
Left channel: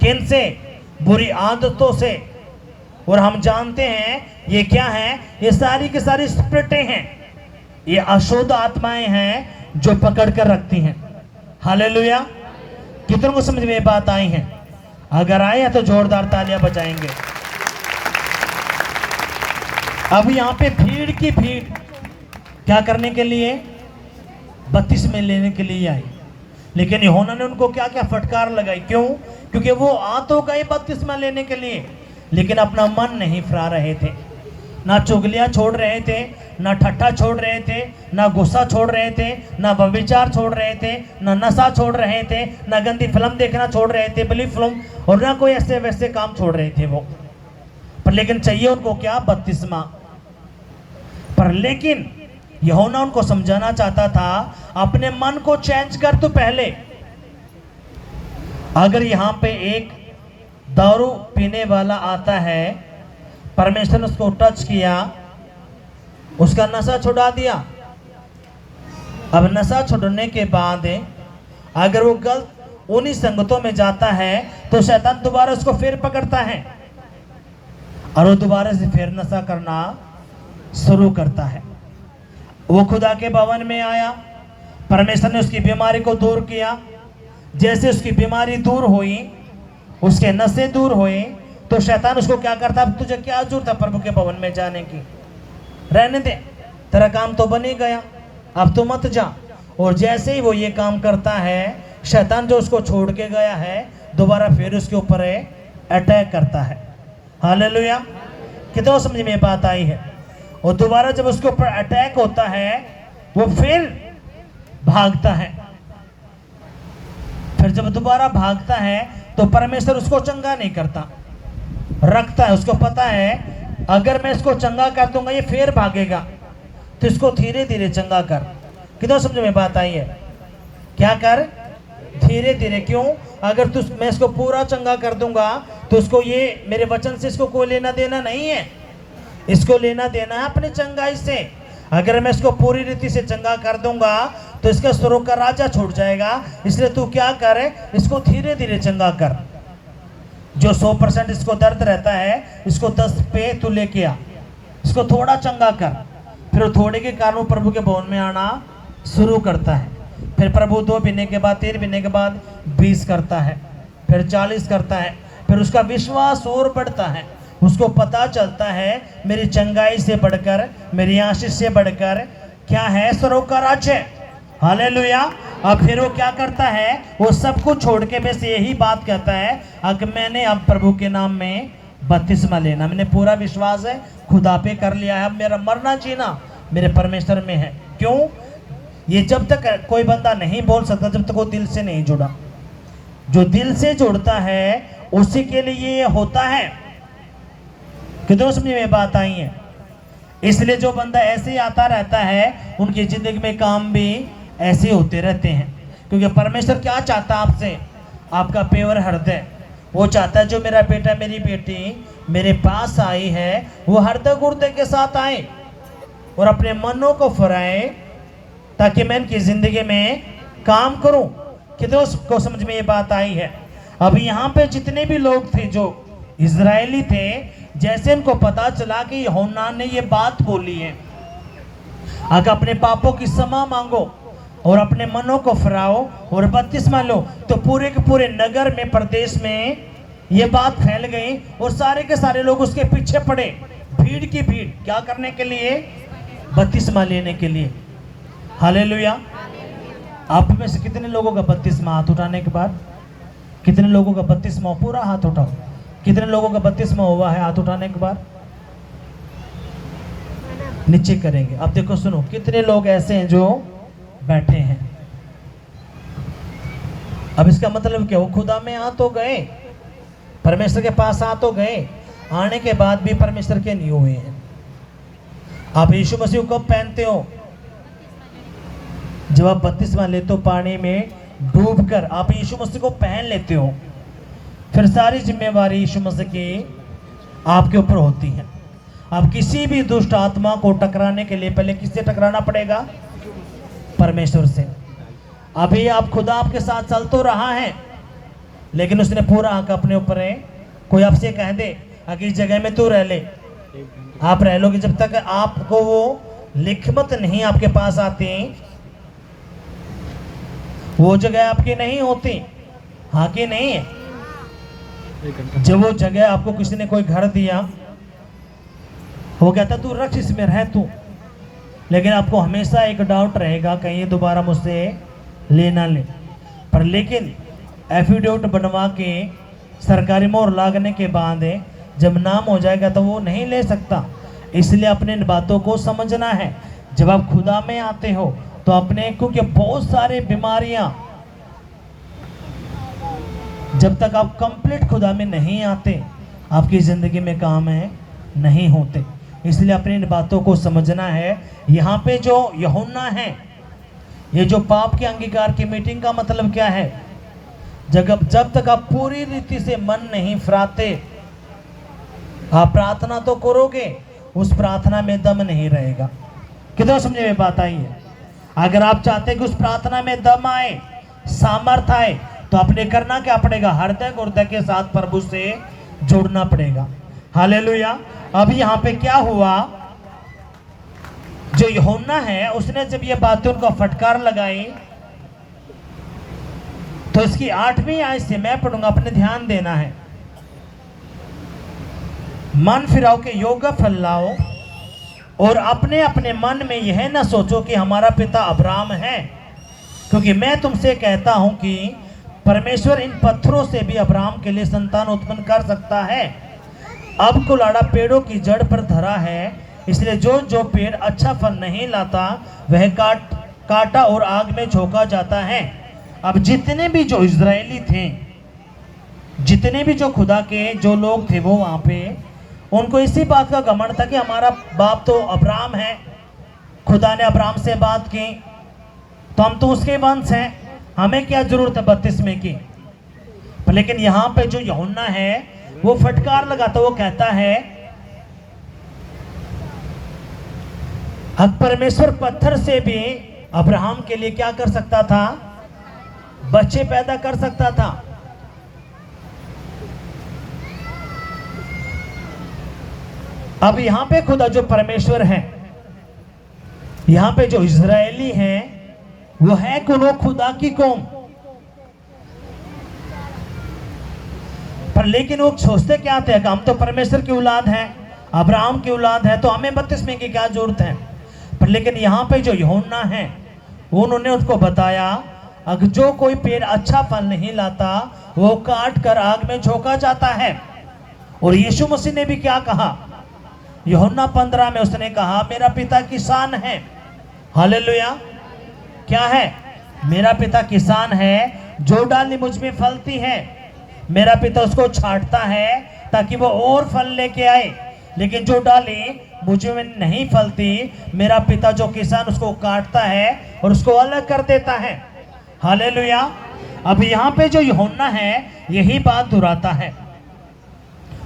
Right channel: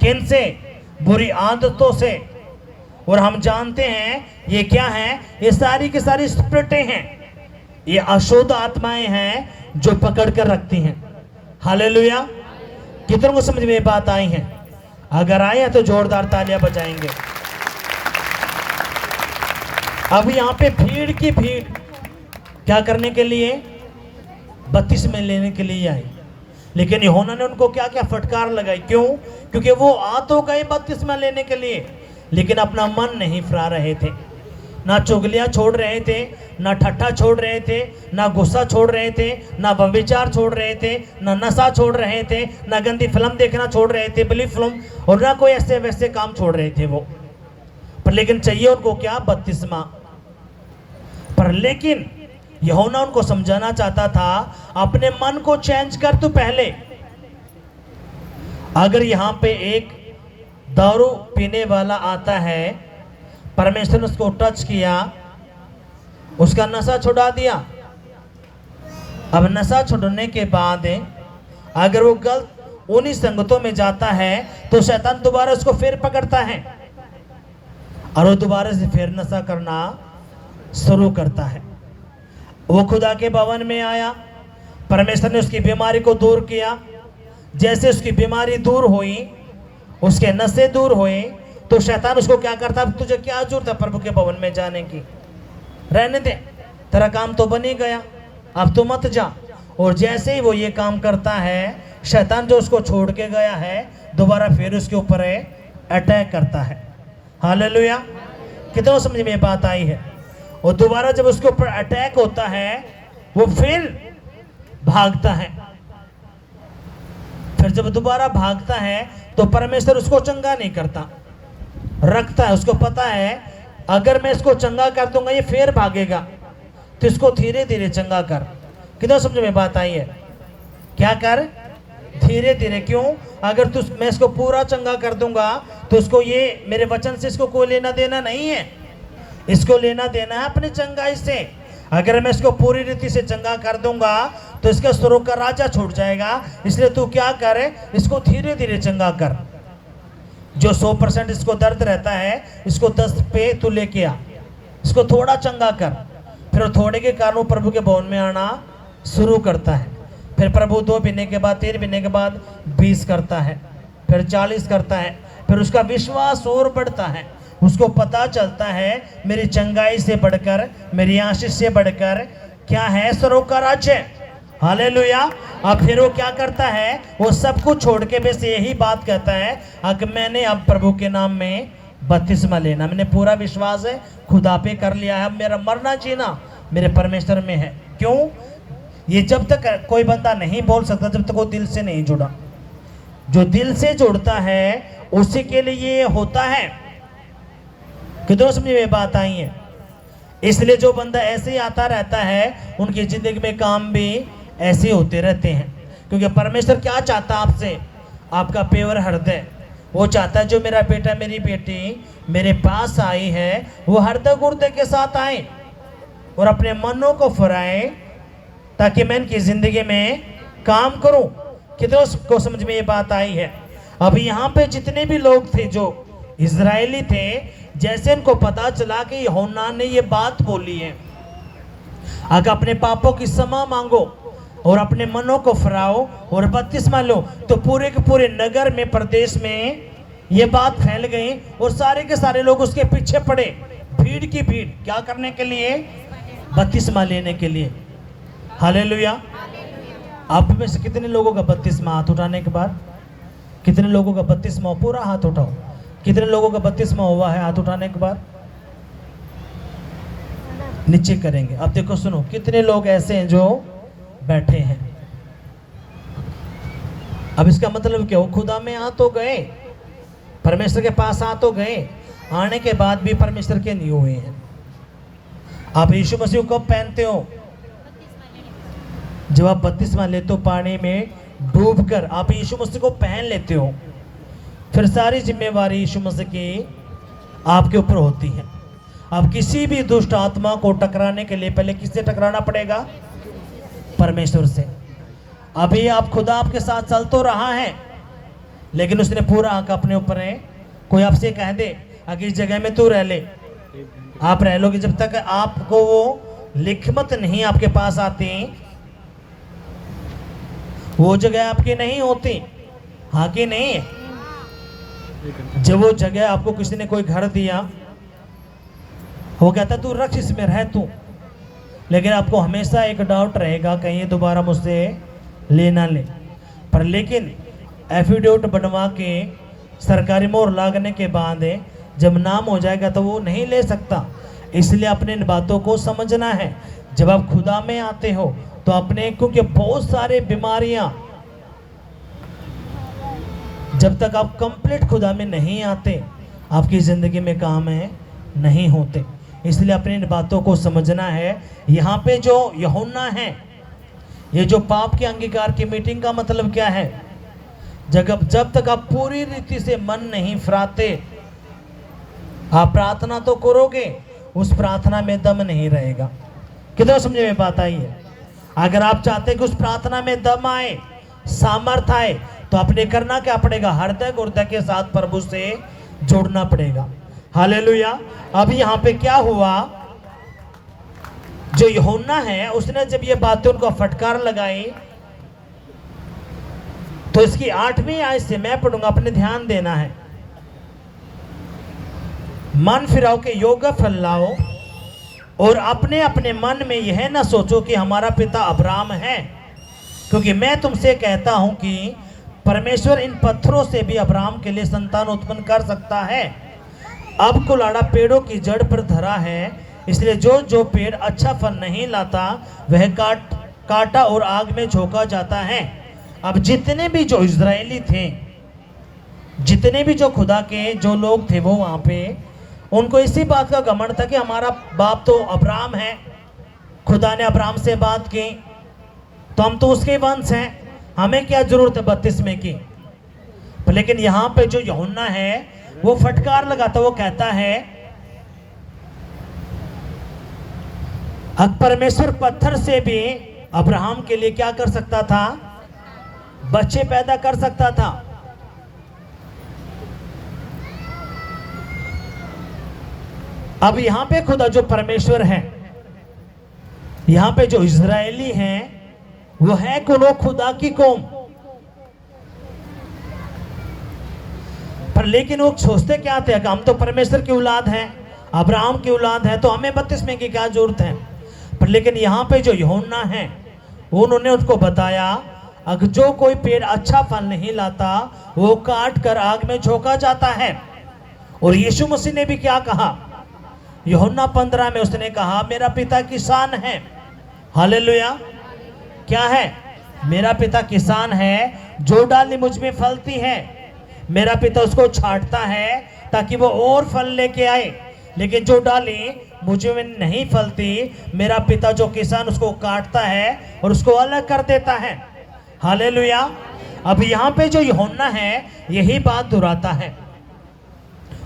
किन से? बुरी आदतों से। और हम जानते हैं ये क्या है? ये सारी की सारी स्पिरिटें हैं, ये अशुद्ध आत्माएं हैं जो पकड़ कर रखती हैं। हालेलुया। कितनों को समझ में ये बात आई है? अगर आए हैं तो जोरदार तालियां बजाएंगे। अब यहाँ पे भीड़ की भीड़ क्या करने के लिए? बपतिस्मा लेने के लिए आई। लेकिन यूहन्ना ने उनको क्या क्या फटकार लगाई। क्यों? क्योंकि वो आ तो गए बपतिस्मा लेने के लिए, लेकिन अपना मन नहीं फिरा रहे थे। ना चुगलियां छोड़ रहे थे, ना ठट्ठा छोड़ रहे थे, ना गुस्सा छोड़ रहे थे, ना व्यभिचार छोड़ रहे थे, ना नशा छोड़ रहे थे, ना गंदी फिल्म देखना छोड़ रहे थे, बली फिल्म, और ना कोई ऐसे वैसे काम छोड़ रहे थे वो। पर लेकिन चाहिए उनको क्या? बपतिस्मा। पर लेकिन यूहन्ना उनको समझाना चाहता था, अपने मन को चेंज कर तो पहले। अगर यहाँ पे एक दारू पीने वाला आता है, परमेश्वर ने उसको टच किया, उसका नशा छुड़ा दिया। अब नशा छुड़ने के बाद अगर वो गलत उन्हीं संगतों में जाता है, तो शैतान दोबारा उसको फिर पकड़ता है और वो दोबारा से फिर नशा करना शुरू करता है। वो खुदा के भवन में आया, परमेश्वर ने उसकी बीमारी को दूर किया। जैसे उसकी बीमारी दूर हुई, उसके नशे दूर हुए, तो शैतान उसको क्या करता? अब तुझे क्या जरूरत है प्रभु के भवन में जाने की? रहने दे, तेरा काम तो बन ही गया, अब तो मत जा। और जैसे ही वो ये काम करता है, शैतान जो उसको छोड़ के गया है, दोबारा फिर उसके ऊपर अटैक करता है। हालेलुया। कितना समझ में बात आई है? और दोबारा जब उसके ऊपर अटैक होता है, वो फिर भागता है। फिर जब दोबारा भागता है, तो परमेश्वर उसको चंगा नहीं करता, रखता है। उसको पता है अगर मैं इसको चंगा कर दूंगा ये फिर भागेगा, तो इसको धीरे धीरे चंगा कर। कितना समझ में बात आई है? क्या कर? धीरे धीरे। क्यों? अगर तू, मैं इसको पूरा चंगा कर दूंगा तो उसको, ये मेरे वचन से इसको कोई लेना देना नहीं है, इसको लेना देना है अपने चंगाई से। अगर मैं इसको पूरी रीति से चंगा कर दूंगा तो इसके सुरों का राजा छूट जाएगा। इसलिए तू क्या करे? इसको धीरे धीरे चंगा कर। जो 100% इसको दर्द रहता है, इसको 10 पे तू लेके आ, इसको थोड़ा चंगा कर। फिर थोड़े के कारण प्रभु के भवन में आना शुरू करता है। फिर प्रभु 2 महीने के बाद, 3 महीने के बाद 20 करता है, फिर 40 करता है। फिर उसका विश्वास और बढ़ता है। उसको पता चलता है मेरी चंगाई से बढ़कर, मेरी आशीष से बढ़कर क्या है? सरों का राज्य। हालेलुया। अब फिर वो क्या करता है? वो सब कुछ छोड़ के बस यही बात कहता है, अगर मैंने अब प्रभु के नाम में बपतिस्मा लेना, मैंने पूरा विश्वास है खुदा पे कर लिया है, अब मेरा मरना जीना मेरे परमेश्वर में है। क्यों? ये जब तक कोई बंदा नहीं बोल सकता जब तक वो दिल से नहीं जुड़ा। जो दिल से जुड़ता है उसी के लिए ये होता है। कितनों समझ में बात आई है? इसलिए जो बंदा ऐसे ही आता रहता है उनकी जिंदगी में काम भी ऐसे होते रहते हैं। क्योंकि परमेश्वर क्या चाहता है आपसे? आपका प्योर हृदय। वो चाहता है जो मेरा बेटा मेरी बेटी मेरे पास आई है वो हृदय गुर्दे के साथ आए और अपने मनों को फराए ताकि मैं इनकी जिंदगी में काम करूं। कितनों को समझ में ये बात आई है? अभी यहाँ पे जितने भी लोग थे जो इजरायली थे, जैसे इनको पता चला कि यूहन्ना ने ये बात बोली है, आगे अपने पापों की क्षमा मांगो और अपने मनों को फराओ और बपतिस्मा लो, तो पूरे के पूरे नगर में प्रदेश में ये बात फैल गई और सारे के सारे लोग उसके पीछे पड़े। भीड़ की भीड़ क्या करने के लिए? बपतिस्मा लेने के लिए। हालेलुया। आप में से कितने लोगों का बपतिस्मा? हाथ उठाने के बाद कितने लोगों का बपतिस्मा? पूरा हाथ उठाओ। कितने लोगों का बपतिस्मा हुआ है? हाथ उठाने के बाद नीचे करेंगे। अब देखो सुनो, कितने लोग ऐसे हैं जो बैठे हैं? अब इसका मतलब क्या? वो खुदा में आ तो गए, परमेश्वर के पास आ तो गए, आने के बाद भी परमेश्वर के नहीं हुए हैं। आप यीशु मसीह को कब पहनते हो? जब आप बपतिस्मा लेते हो, पानी में डूबकर आप यीशु मसीह को पहन लेते हो, फिर सारी जिम्मेवारी यीशु मसीह की आपके ऊपर होती है। आप किसी भी दुष्ट आत्मा को टकराने के लिए पहले किससे टकराना पड़ेगा? परमेश्वर से। अभी आप खुदा आपके साथ चल तो रहा है, लेकिन उसने पूरा हक अपने ऊपर है। कोई आपसे कह दे अगर इस जगह में तू रह ले, आप रह लोगे, जब तक आपको वो लिखमत नहीं आपके पास आती, वो जगह आपकी नहीं होती। हाँ कि नहीं है? जब वो जगह आपको किसी ने कोई घर दिया, वो कहता तू रख इसमें रह तू, लेकिन आपको हमेशा एक डाउट रहेगा कहीं ये दोबारा मुझसे ले ना ले। पर लेकिन एफिडेविट बनवा के सरकारी मोहर लागने के बाद जब नाम हो जाएगा तो वो नहीं ले सकता। इसलिए अपने इन बातों को समझना है। जब आप खुदा में आते हो तो अपने, क्योंकि बहुत सारे बीमारियां जब तक आप कंप्लीट खुदा में नहीं आते आपकी जिंदगी में काम है नहीं होते। इसलिए अपनी इन बातों को समझना है। यहाँ पे जो यूहन्ना है, ये जो पाप के अंगीकार की मीटिंग का मतलब क्या है? जब तक आप पूरी रीति से मन नहीं फराते, आप प्रार्थना तो करोगे, उस प्रार्थना में दम नहीं रहेगा। कितना समझ में बात आई है? अगर आप चाहते हैं कि उस प्रार्थना में दम आए, सामर्थ्य आए, तो अपने करना क्या पड़ेगा? हृदय गुर्दे के साथ प्रभु से जोड़ना पड़ेगा। हालेलुया। अभी यहाँ पे क्या हुआ? जो यूहन्ना है उसने जब ये बातें उनको फटकार लगाई, तो इसकी 8वीं आयत से मैं पढ़ूंगा, अपने ध्यान देना है। मन फिराओ के योग्य फल लाओ और अपने अपने मन में यह न सोचो कि हमारा पिता अब्राहम है, क्योंकि मैं तुमसे कहता हूं कि परमेश्वर इन पत्थरों से भी अब्राहम के लिए संतान उत्पन्न कर सकता है। अब कुलाड़ा पेड़ों की जड़ पर धरा है, इसलिए जो जो पेड़ अच्छा फल नहीं लाता वह काटा और आग में झोंका जाता है। अब जितने भी जो इजरायली थे, जितने भी जो खुदा के जो लोग थे, वो वहां पे उनको इसी बात का घमंड था कि हमारा बाप तो अब्राहम है, खुदा ने अब्राहम से बात की तो हम तो उसके वंश हैं, हमें क्या जरूरत है बपतिस्मे की। लेकिन यहाँ पे जो यूहन्ना है वो फटकार लगाता, वो कहता है अब परमेश्वर पत्थर से भी अब्राहम के लिए क्या कर सकता था? बच्चे पैदा कर सकता था। अब यहां पे खुदा जो परमेश्वर है, यहां पे जो इजरायली हैं, वो है कौन? खुदा की कौम। पर लेकिन वो सोचते क्या थे? हम तो परमेश्वर की औलाद हैं, अब्राहम की औलाद है, तो हमें बपतिस्मे की क्या जरूरत है? पर लेकिन यहाँ पे जो यूहन्ना है उन्होंने उसको बताया अगर जो कोई पेड़ अच्छा फल नहीं लाता वो काट कर आग में झोंका जाता है। और यीशु मसीह ने भी क्या कहा? यूहन्ना 15 में उसने कहा मेरा पिता किसान है। हालेलुया। क्या है? मेरा पिता किसान है, जो डाली मुझ में फलती है मेरा पिता उसको छांटता है ताकि वो और फल लेके आए, लेकिन जो डाली मुझ में नहीं फलती मेरा पिता जो किसान उसको काटता है और उसको अलग कर देता है। हालेलुया। अब यहाँ पे जो यूहन्ना है यही बात दोहराता है।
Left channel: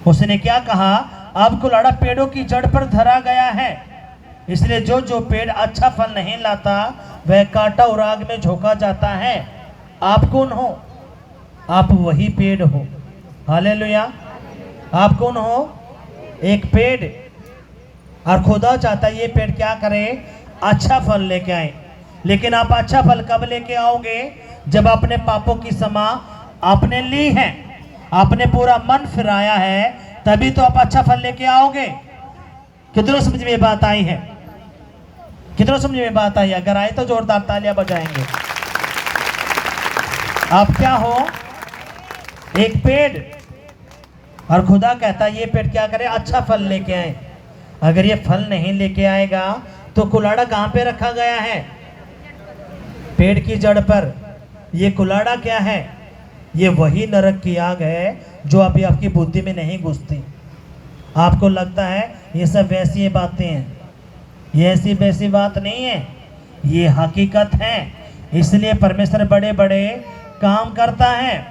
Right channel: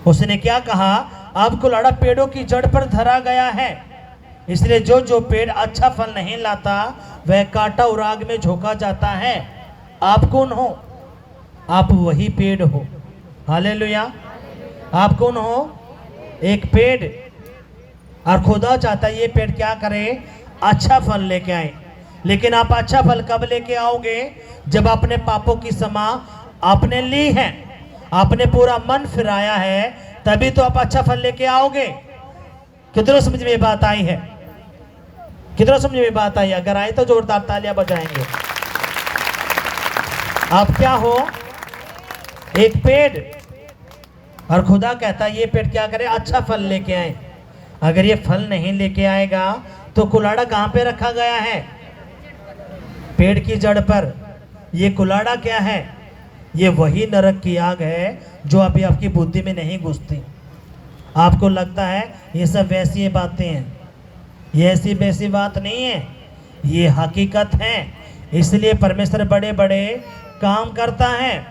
उसने क्या कहा? अब कुल्हाड़ा पेड़ों की जड़ पर धरा गया है, इसलिए जो जो पेड़ अच्छा फल नहीं लाता वह काटा और आग में झोंका जाता है। आप कौन हो? आप वही पेड़ हो। हालेलुया। आप कौन हो? एक पेड़। और खुदा चाहता है ये पेड़ क्या करे? अच्छा फल लेके आए। लेकिन आप अच्छा फल कब लेके आओगे? जब आपने पापों की क्षमा आपने ली है, आपने पूरा मन फिराया है, तभी तो आप अच्छा फल लेके आओगे। कितनों समझ में बात आई है? कितनों समझ में बात आई? अगर आए तो जोरदार तालियां बजाएंगे। आप क्या हो? एक पेड़। और खुदा कहता है ये पेड़ क्या करे? अच्छा फल लेके आए। अगर ये फल नहीं लेके आएगा तो कुल्हाड़ा कहां पे रखा गया है? पेड़ की जड़ पर। ये कुल्हाड़ा क्या है? ये वही नरक की आग है जो अभी आपकी बुद्धि में नहीं घुसती। आपको लगता है ये सब वैसी बातें हैं, ये ऐसी वैसी बात नहीं है, ये हकीकत है। इसलिए परमेश्वर बड़े बड़े काम करता है,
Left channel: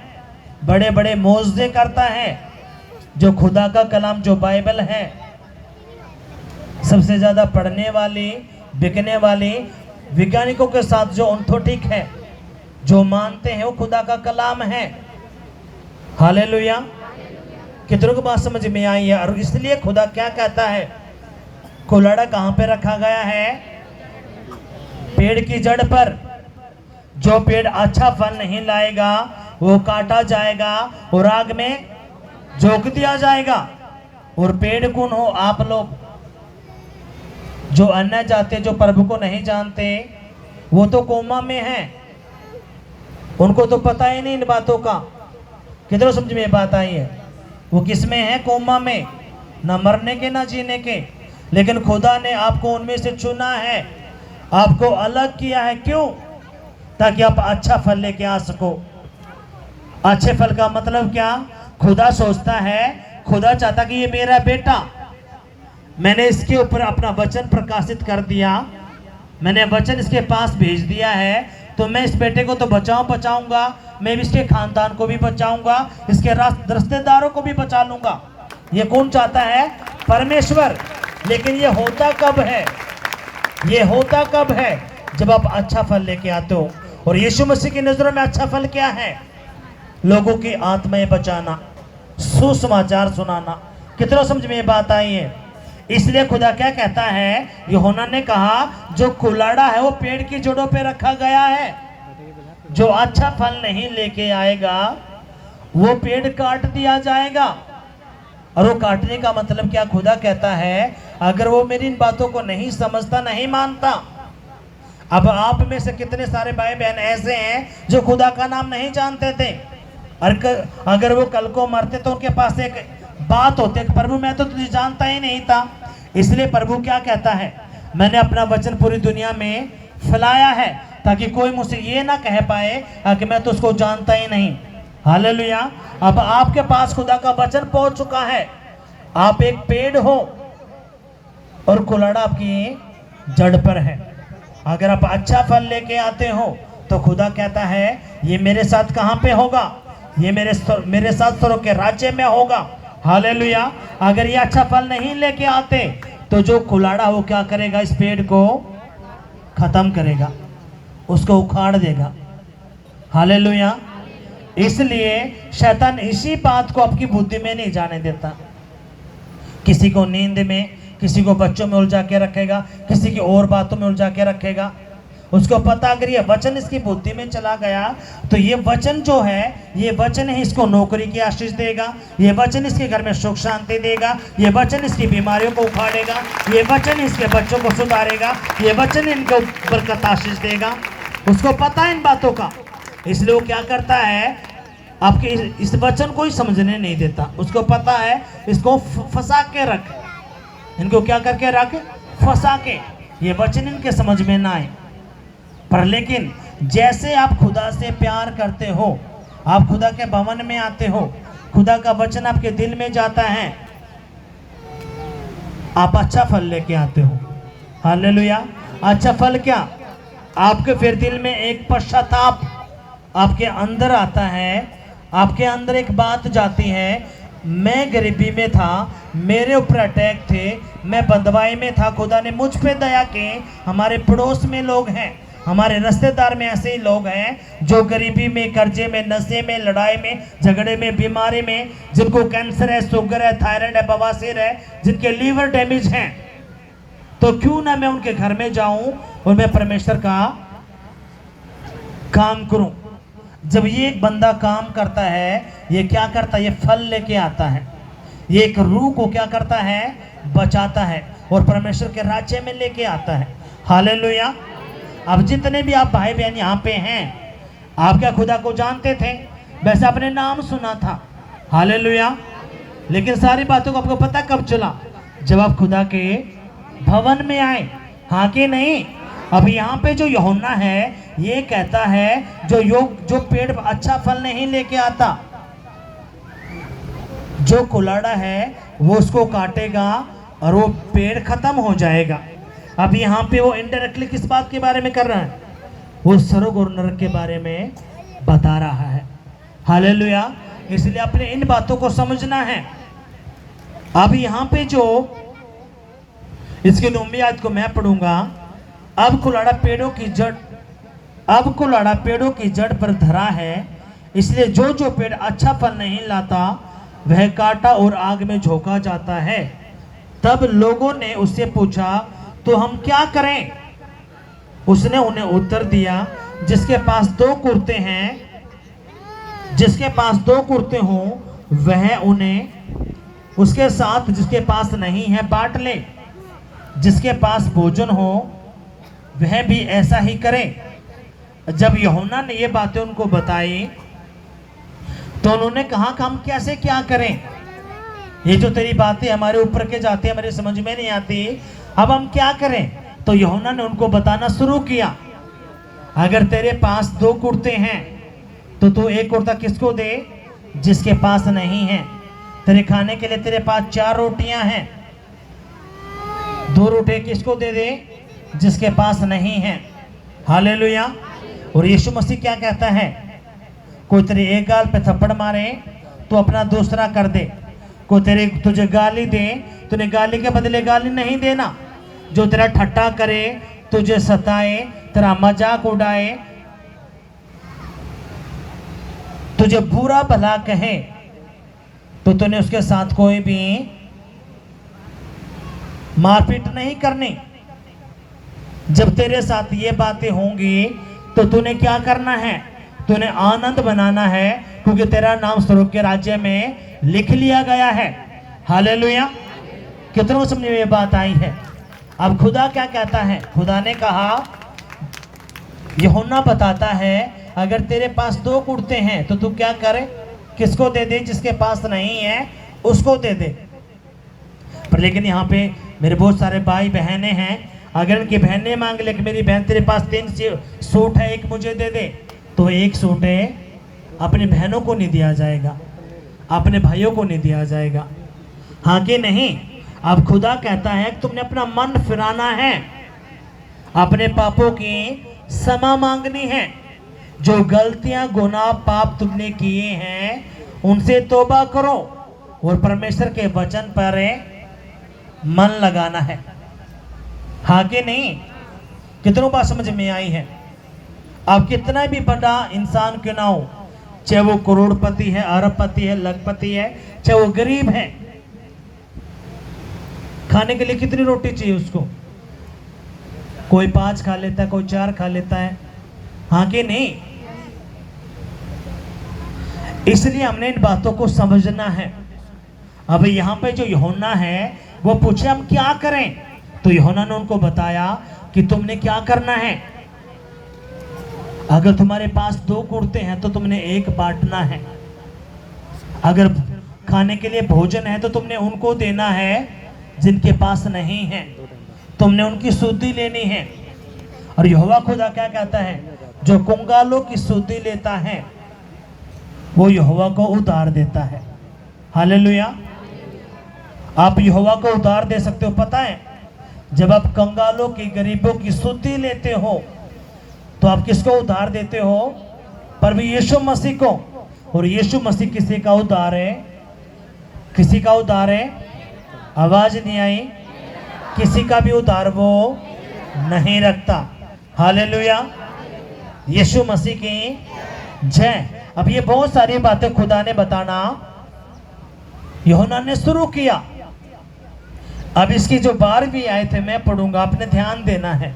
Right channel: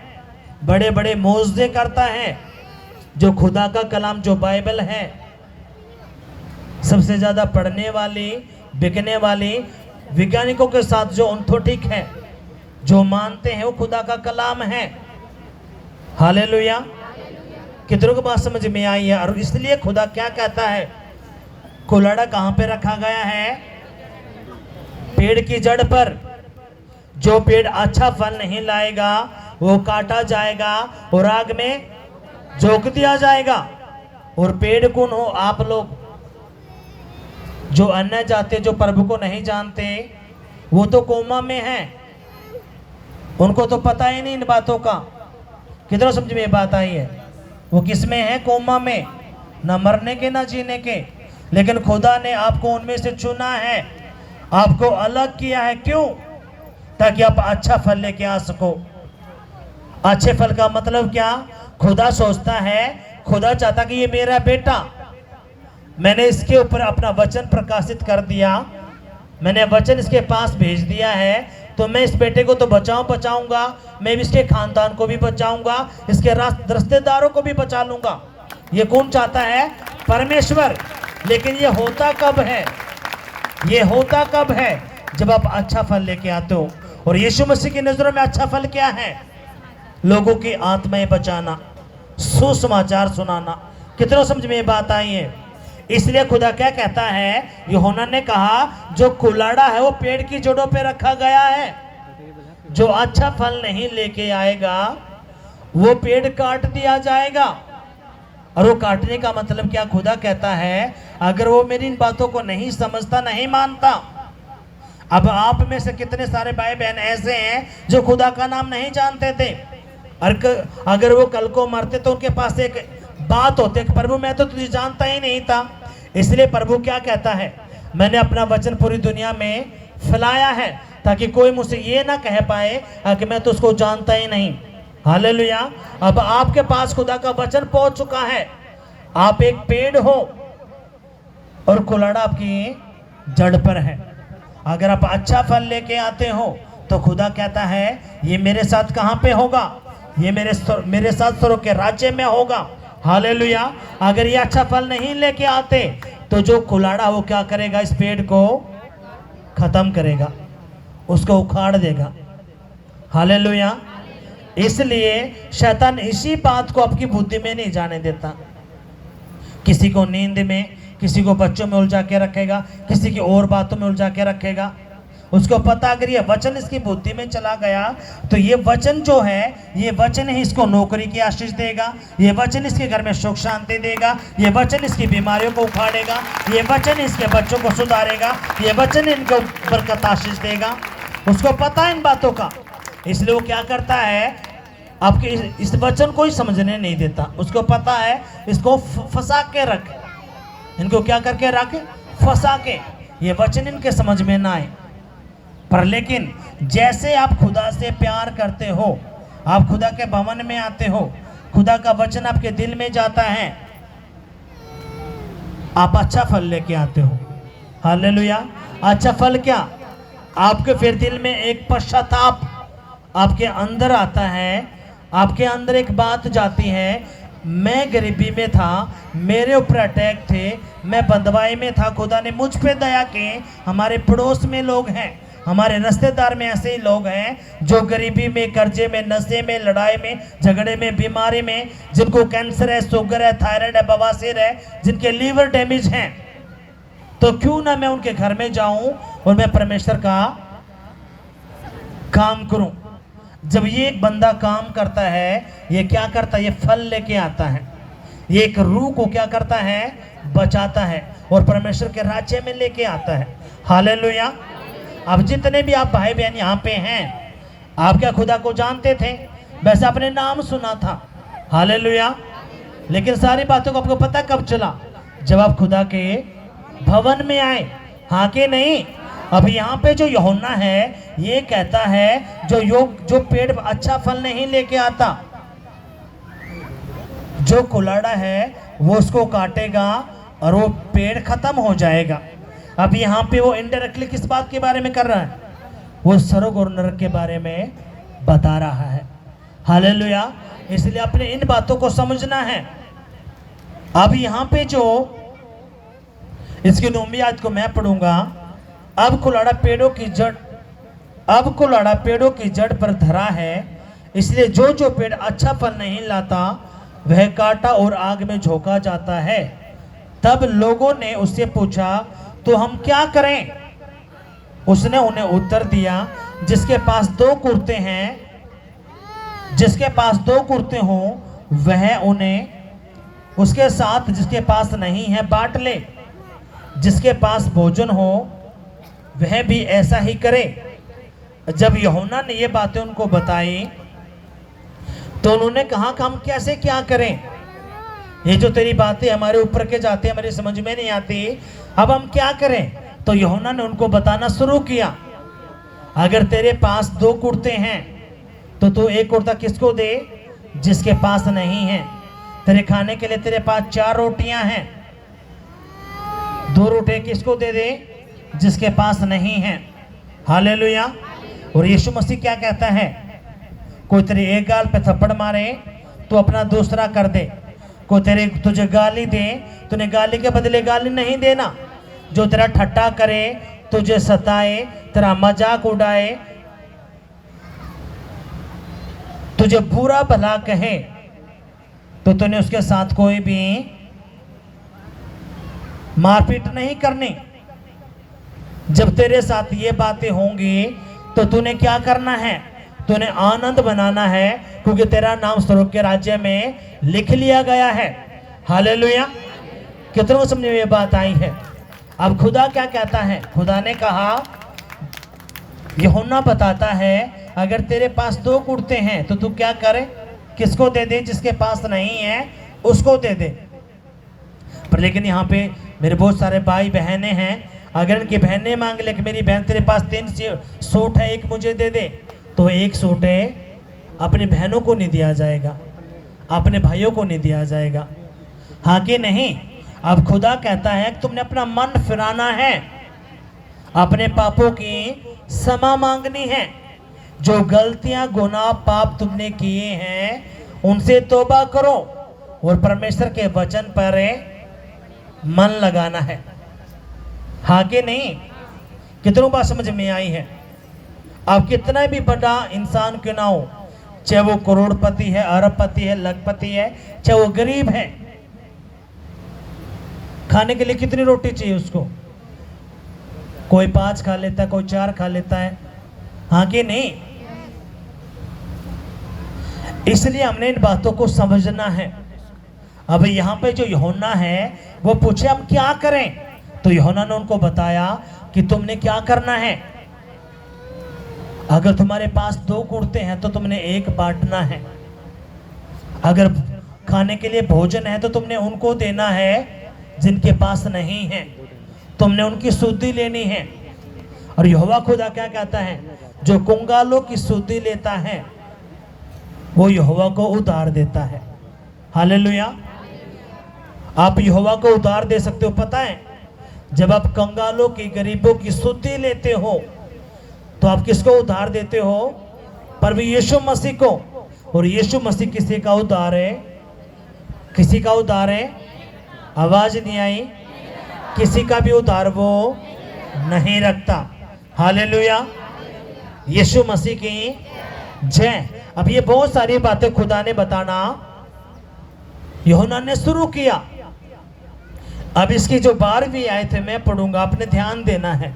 बड़े बड़े मोजदे करता है। जो खुदा का कलाम जो बाइबल है, सबसे ज्यादा पढ़ने वाली बिकने वाली वैज्ञानिकों के साथ जो ऑर्थोटिक है, जो मानते हैं वो खुदा का कलाम है। हालेलुया। कितनों को बात समझ में आई है? और इसलिए खुदा क्या कहता है? कुल्हाड़ा कहां पे रखा गया है? पेड़ की जड़ पर। जो पेड़ अच्छा फल नहीं लाएगा वो काटा जाएगा और आग में झोंक दिया जाएगा। और पेड़ कौन हो? आप लोग जो अन्य जाते, जो प्रभु को नहीं जानते, वो तो कोमा में हैं, उनको तो पता ही नहीं इन बातों का। कितनों समझ में बात आई है? वो किस में है? कोमा में, ना मरने के ना जीने के। लेकिन खुदा ने आपको उनमें से चुना है, आपको अलग किया है। क्यों? ताकि आप अच्छा फल लेके आ सको। अच्छे फल का मतलब क्या? खुदा सोचता है, खुदा चाहता कि ये मेरा बेटा, मैंने इसके ऊपर अपना वचन प्रकाशित कर दिया, मैंने वचन इसके पास भेज दिया है, तो मैं इस बेटे को तो बचाऊंगा, मैं भी इसके खानदान को भी बचाऊंगा, इसके रिश्तेदारों को भी बचा लूंगा। ये कौन चाहता है? परमेश्वर। लेकिन ये होता कब है? ये होता कब है? जब आप अच्छा फल लेके आते हो। और यीशु मसीह की नजरों में अच्छा फल क्या है? लोगों की आत्माएं बचाना, सुसमाचार सुनाना। कितनों समझ में ये बात आई है? इसलिए खुदा क्या कहता है? यूहन्ना ने कहा जो कुल्हाड़ा है वो पेड़ की जड़ों पे रखा गया है, जो अच्छा फल नहीं लेके आएगा वो पेड़ काट दिया जाएगा। और वो काटने का मतलब क्या? खुदा कहता है अगर वो मेरी इन बातों को नहीं समझता, नहीं मानता। अब आप में से कितने सारे भाई बहन ऐसे हैं जो खुदा का नाम नहीं जानते थे, और अगर वो कल को मरते तो उनके पास एक बात होती है, प्रभु मैं तो तुझे जानता ही नहीं था। इसलिए प्रभु क्या कहता है? मैंने अपना वचन पूरी दुनिया में फैलाया है ताकि कोई मुझसे ये ना कह पाए कि मैं तो उसको जानता ही नहीं। हालेलुया। अब आपके पास खुदा का वचन पहुंच चुका है, आप एक पेड़ हो और कुल्हाड़ा आपकी जड़ पर है। अगर आप अच्छा फल लेके आते हो तो खुदा कहता है ये मेरे साथ कहां पे होगा? ये मेरे साथ स्वर्ग के राज्य में होगा। हालेलुया। अगर ये अच्छा फल नहीं लेके आते तो जो कुल्हाड़ा वो क्या करेगा? इस पेड़ को खत्म करेगा, उसको उखाड़ देगा। हालेलुया। इसलिए शैतान इसी बात को आपकी बुद्धि में नहीं जाने देता। किसी को नींद में, किसी को बच्चों में उलझा के रखेगा, किसी की और बातों में उलझा के रखेगा। उसको पता अगर ये वचन इसकी बुद्धि में चला गया तो ये वचन जो है, ये वचन ही इसको नौकरी की आशीष देगा, ये वचन इसके घर में सुख शांति देगा, ये वचन इसकी बीमारियों को उखाड़ेगा, ये वचन इसके बच्चों को सुधारेगा, ये वचन इनको बरकत आशीष देगा। उसको पता है इन बातों का। इसलिए वो क्या करता है? आपके इस वचन को ही समझने नहीं देता। उसको पता है इसको फंसा के रख, इनको क्या करके रख? फंसा के, ये वचन इनके समझ में ना आए। पर लेकिन जैसे आप खुदा से प्यार करते हो, आप खुदा के भवन में आते हो, खुदा का वचन आपके दिल में जाता है, आप अच्छा फल लेके आते हो। हालेलुया। अच्छा फल क्या? आपके फिर दिल में एक पश्चाताप आपके अंदर आता है, आपके अंदर एक बात जाती है, मैं गरीबी में था, मेरे ऊपर अटैक थे, मैं बंधुआई में था, खुदा ने मुझ पे दया की। हमारे पड़ोस में लोग हैं, हमारे रिश्तेदार में ऐसे ही लोग हैं जो गरीबी में, कर्जे में, नशे में, लड़ाई में, झगड़े में, बीमारी में, जिनको कैंसर है, शुगर है, थायराइड है, बवासीर है, जिनके लीवर डैमेज हैं। तो क्यों ना मैं उनके घर में जाऊं और मैं परमेश्वर का काम करूं। जब ये एक बंदा काम करता है, ये क्या करता है? ये फल लेके आता है, ये एक रूह को क्या करता है? बचाता है और परमेश्वर के राज्य में लेके आता है। हालेलुया। अब जितने भी आप भाई बहन यहाँ पे हैं, आप क्या खुदा को जानते थे? वैसे आपने नाम सुना था, हालेलुया, लेकिन सारी बातों को आपको पता कब चला? जब आप खुदा के भवन में आए, हाँ कि नहीं? अब यहाँ पे जो यूहन्ना है, ये कहता है जो पेड़ अच्छा फल नहीं लेके आता, जो कुलाड़ा है वो उसको काटेगा और वो पेड़ खत्म हो जाएगा। अब यहाँ पे वो इनडायरेक्टली किस बात के बारे में कर रहा है? वो स्वर्ग और नरक के बारे में बता रहा है। हालेलुया। इसलिए अपने इन बातों को समझना है। अब यहाँ पे जो इसकी 9वीं आयत को मैं पढ़ूंगा। अब कुलाड़ा पेड़ों की जड़ पर धरा है, इसलिए जो पेड़ अच्छा फल नहीं लाता वह काटा और आग में झोंका जाता है। तब लोगों ने उससे पूछा, तो हम क्या करें? उसने उन्हें उत्तर दिया, जिसके पास दो कुर्ते हों वह उन्हें उसके साथ जिसके पास नहीं है बांट ले। जिसके पास भोजन हो वह भी ऐसा ही करे। जब यूहन्ना ने ये बातें उनको बताई तो उन्होंने कहा कि हम कैसे क्या करें? ये जो तेरी बातें हमारे ऊपर के जाती है, हमारे समझ में नहीं आती, अब हम क्या करें? तो यूहन्ना ने उनको बताना शुरू किया, अगर तेरे पास 2 कुर्ते हैं तो तू एक कुर्ता किसको दे? जिसके पास नहीं है। तेरे खाने के लिए तेरे पास 4 रोटियां हैं, 2 रोटियां किसको दे दे? जिसके पास नहीं है। हालेलुया। और यीशु मसीह क्या कहता है? कोई तेरे एक गाल पे थप्पड़ मारे तो अपना दूसरा कर दे। कोई तुझे गाली दे, तूने गाली के बदले गाली नहीं देना। जो तेरा ठट्टा करे, तुझे सताए, तेरा मजाक उड़ाए, तुझे बुरा भला कहे, तो तूने उसके साथ कोई भी मारपीट नहीं करनी। जब तेरे साथ ये बातें होंगी तो तूने क्या करना है? तूने आनंद बनाना है, क्योंकि तेरा नाम स्वर्ग के राज्य में लिख लिया गया है। हालेलुया। कितनों समझ में ये बात आई है? अब खुदा क्या कहता है? खुदा ने कहा, यूहन्ना बताता है, अगर तेरे पास 2 कुर्ते हैं तो तू क्या करे? किसको दे दे? जिसके पास नहीं है उसको दे दे। पर लेकिन यहाँ पे मेरे बहुत सारे भाई बहनें हैं, अगर इनकी बहनें मांग ले कि मेरी बहन तेरे पास 3 सूट है, एक मुझे दे दे, तो 1 सूट है अपनी बहनों को नहीं दिया जाएगा, अपने भाइयों को नहीं दिया जाएगा। हाँ कि नहीं? अब खुदा कहता है कि तुमने अपना मन फिराना है, अपने पापों की क्षमा मांगनी है। जो गलतियां, गुनाह, पाप तुमने किए हैं उनसे तौबा करो और परमेश्वर के वचन पर मन लगाना है। हाँ कि नहीं? कितनों बात समझ में आई है? आप कितना भी बड़ा इंसान क्यों ना हो, चाहे वो करोड़पति है, अरबपति है, लखपति है, चाहे वो गरीब है, खाने के लिए कितनी रोटी चाहिए उसको? कोई 5 खा लेता है, कोई 4 खा लेता है। हाँ कि नहीं? इसलिए हमने इन बातों को समझना है। अब यहाँ पे जो यूहन्ना है वो पूछे हम क्या करें, तो यूहन्ना ने उनको बताया कि तुमने क्या करना है। अगर तुम्हारे पास 2 कुर्ते हैं तो तुमने 1 बांटना है। अगर खाने के लिए भोजन है तो तुमने उनको देना है जिनके पास नहीं है, तुमने उनकी शुद्धि लेनी है। और यहोवा खुदा क्या कहता है, जो कंगालों की सुधि लेता है वो यहोवा को उधार देता है। हालेलुया। आप यहोवा को उधार दे सकते हो, पता है जब आप कंगालों की, गरीबों की सुधि लेते हो तो आप किसको उधार देते हो? प्रभु यीशु मसीह को। और यीशु मसीह किसी का उधार है? किसी का उधार है? आवाज नहीं आई। किसी का भी उधार वो नहीं रखता। हालेलुया। यीशु मसीह की जय। अब ये बहुत सारी बातें खुदा ने बताना यूहन्ना ने शुरू किया। अब इसकी जो 12वीं आयत है मैं पढ़ूंगा, आपने ध्यान देना है।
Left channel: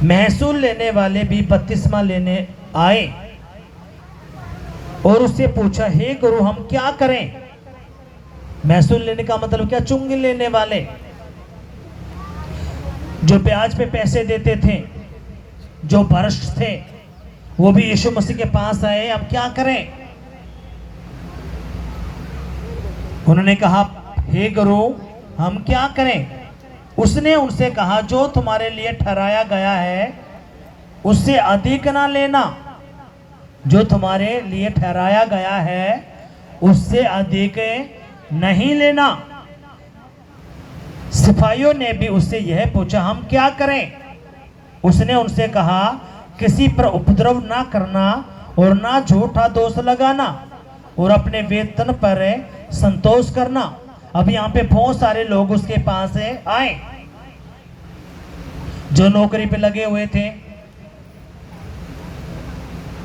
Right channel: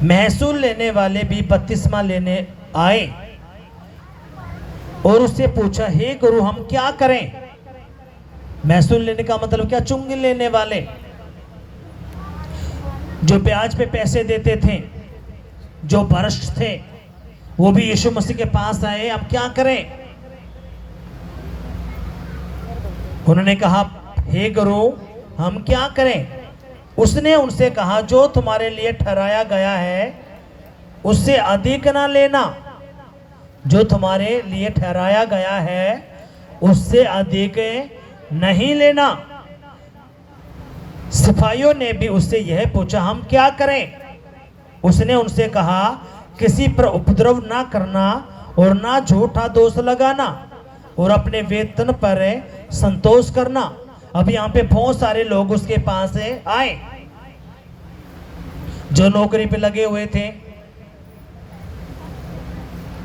महसूल लेने वाले भी बपतिस्मा लेने आए और उससे पूछा, हे गुरु हम क्या करें? महसूल लेने का मतलब क्या? चुंगी लेने वाले, जो ब्याज पे पैसे देते थे, जो भ्रष्ट थे, वो भी यीशु मसीह के पास आए। हम क्या करें? उन्होंने कहा, हे गुरु हम क्या करें? उसने उनसे कहा, जो तुम्हारे लिए ठहराया गया है उससे अधिक ना लेना। जो तुम्हारे लिए ठहराया गया है उससे अधिक नहीं लेना। सिपाहियों ने भी उससे यह पूछा, हम क्या करें? उसने उनसे कहा, किसी पर उपद्रव ना करना और ना झूठा दोष लगाना और अपने वेतन पर संतोष करना। अब यहाँ पे बहुत सारे लोग उसके पास आए जो नौकरी पे लगे हुए थे।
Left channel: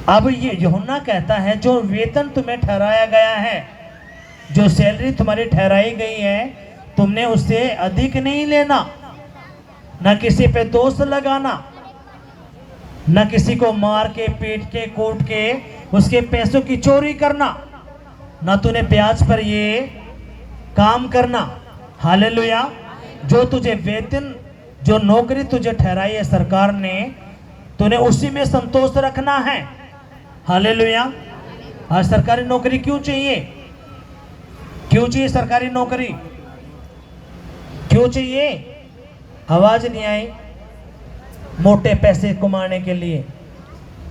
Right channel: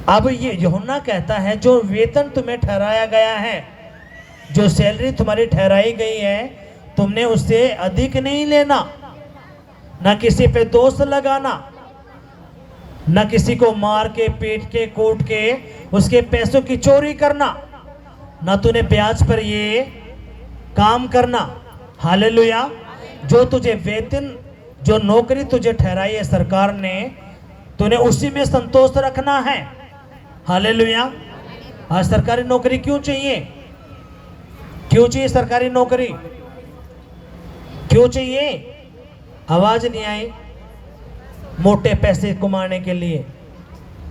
अब ये यूहन्ना कहता है, जो वेतन तुम्हें ठहराया गया है, जो सैलरी तुम्हारी ठहराई गई है, तुमने उससे अधिक नहीं लेना, ना किसी पे दोष लगाना, न किसी को मार के, पीट के, कूट के उसके पैसों की चोरी करना, न तूने ब्याज पर ये काम करना। हालेलुया। जो तुझे वेतन, जो नौकरी तुझे ठहराई है सरकार ने, तूने उसी में संतोष रखना है। हालेलुया। आज सरकारी नौकरी क्यों चाहिए? क्यों चाहिए सरकारी नौकरी? क्यों चाहिए? आवाज नहीं आई। मोटे पैसे कमाने के लिए।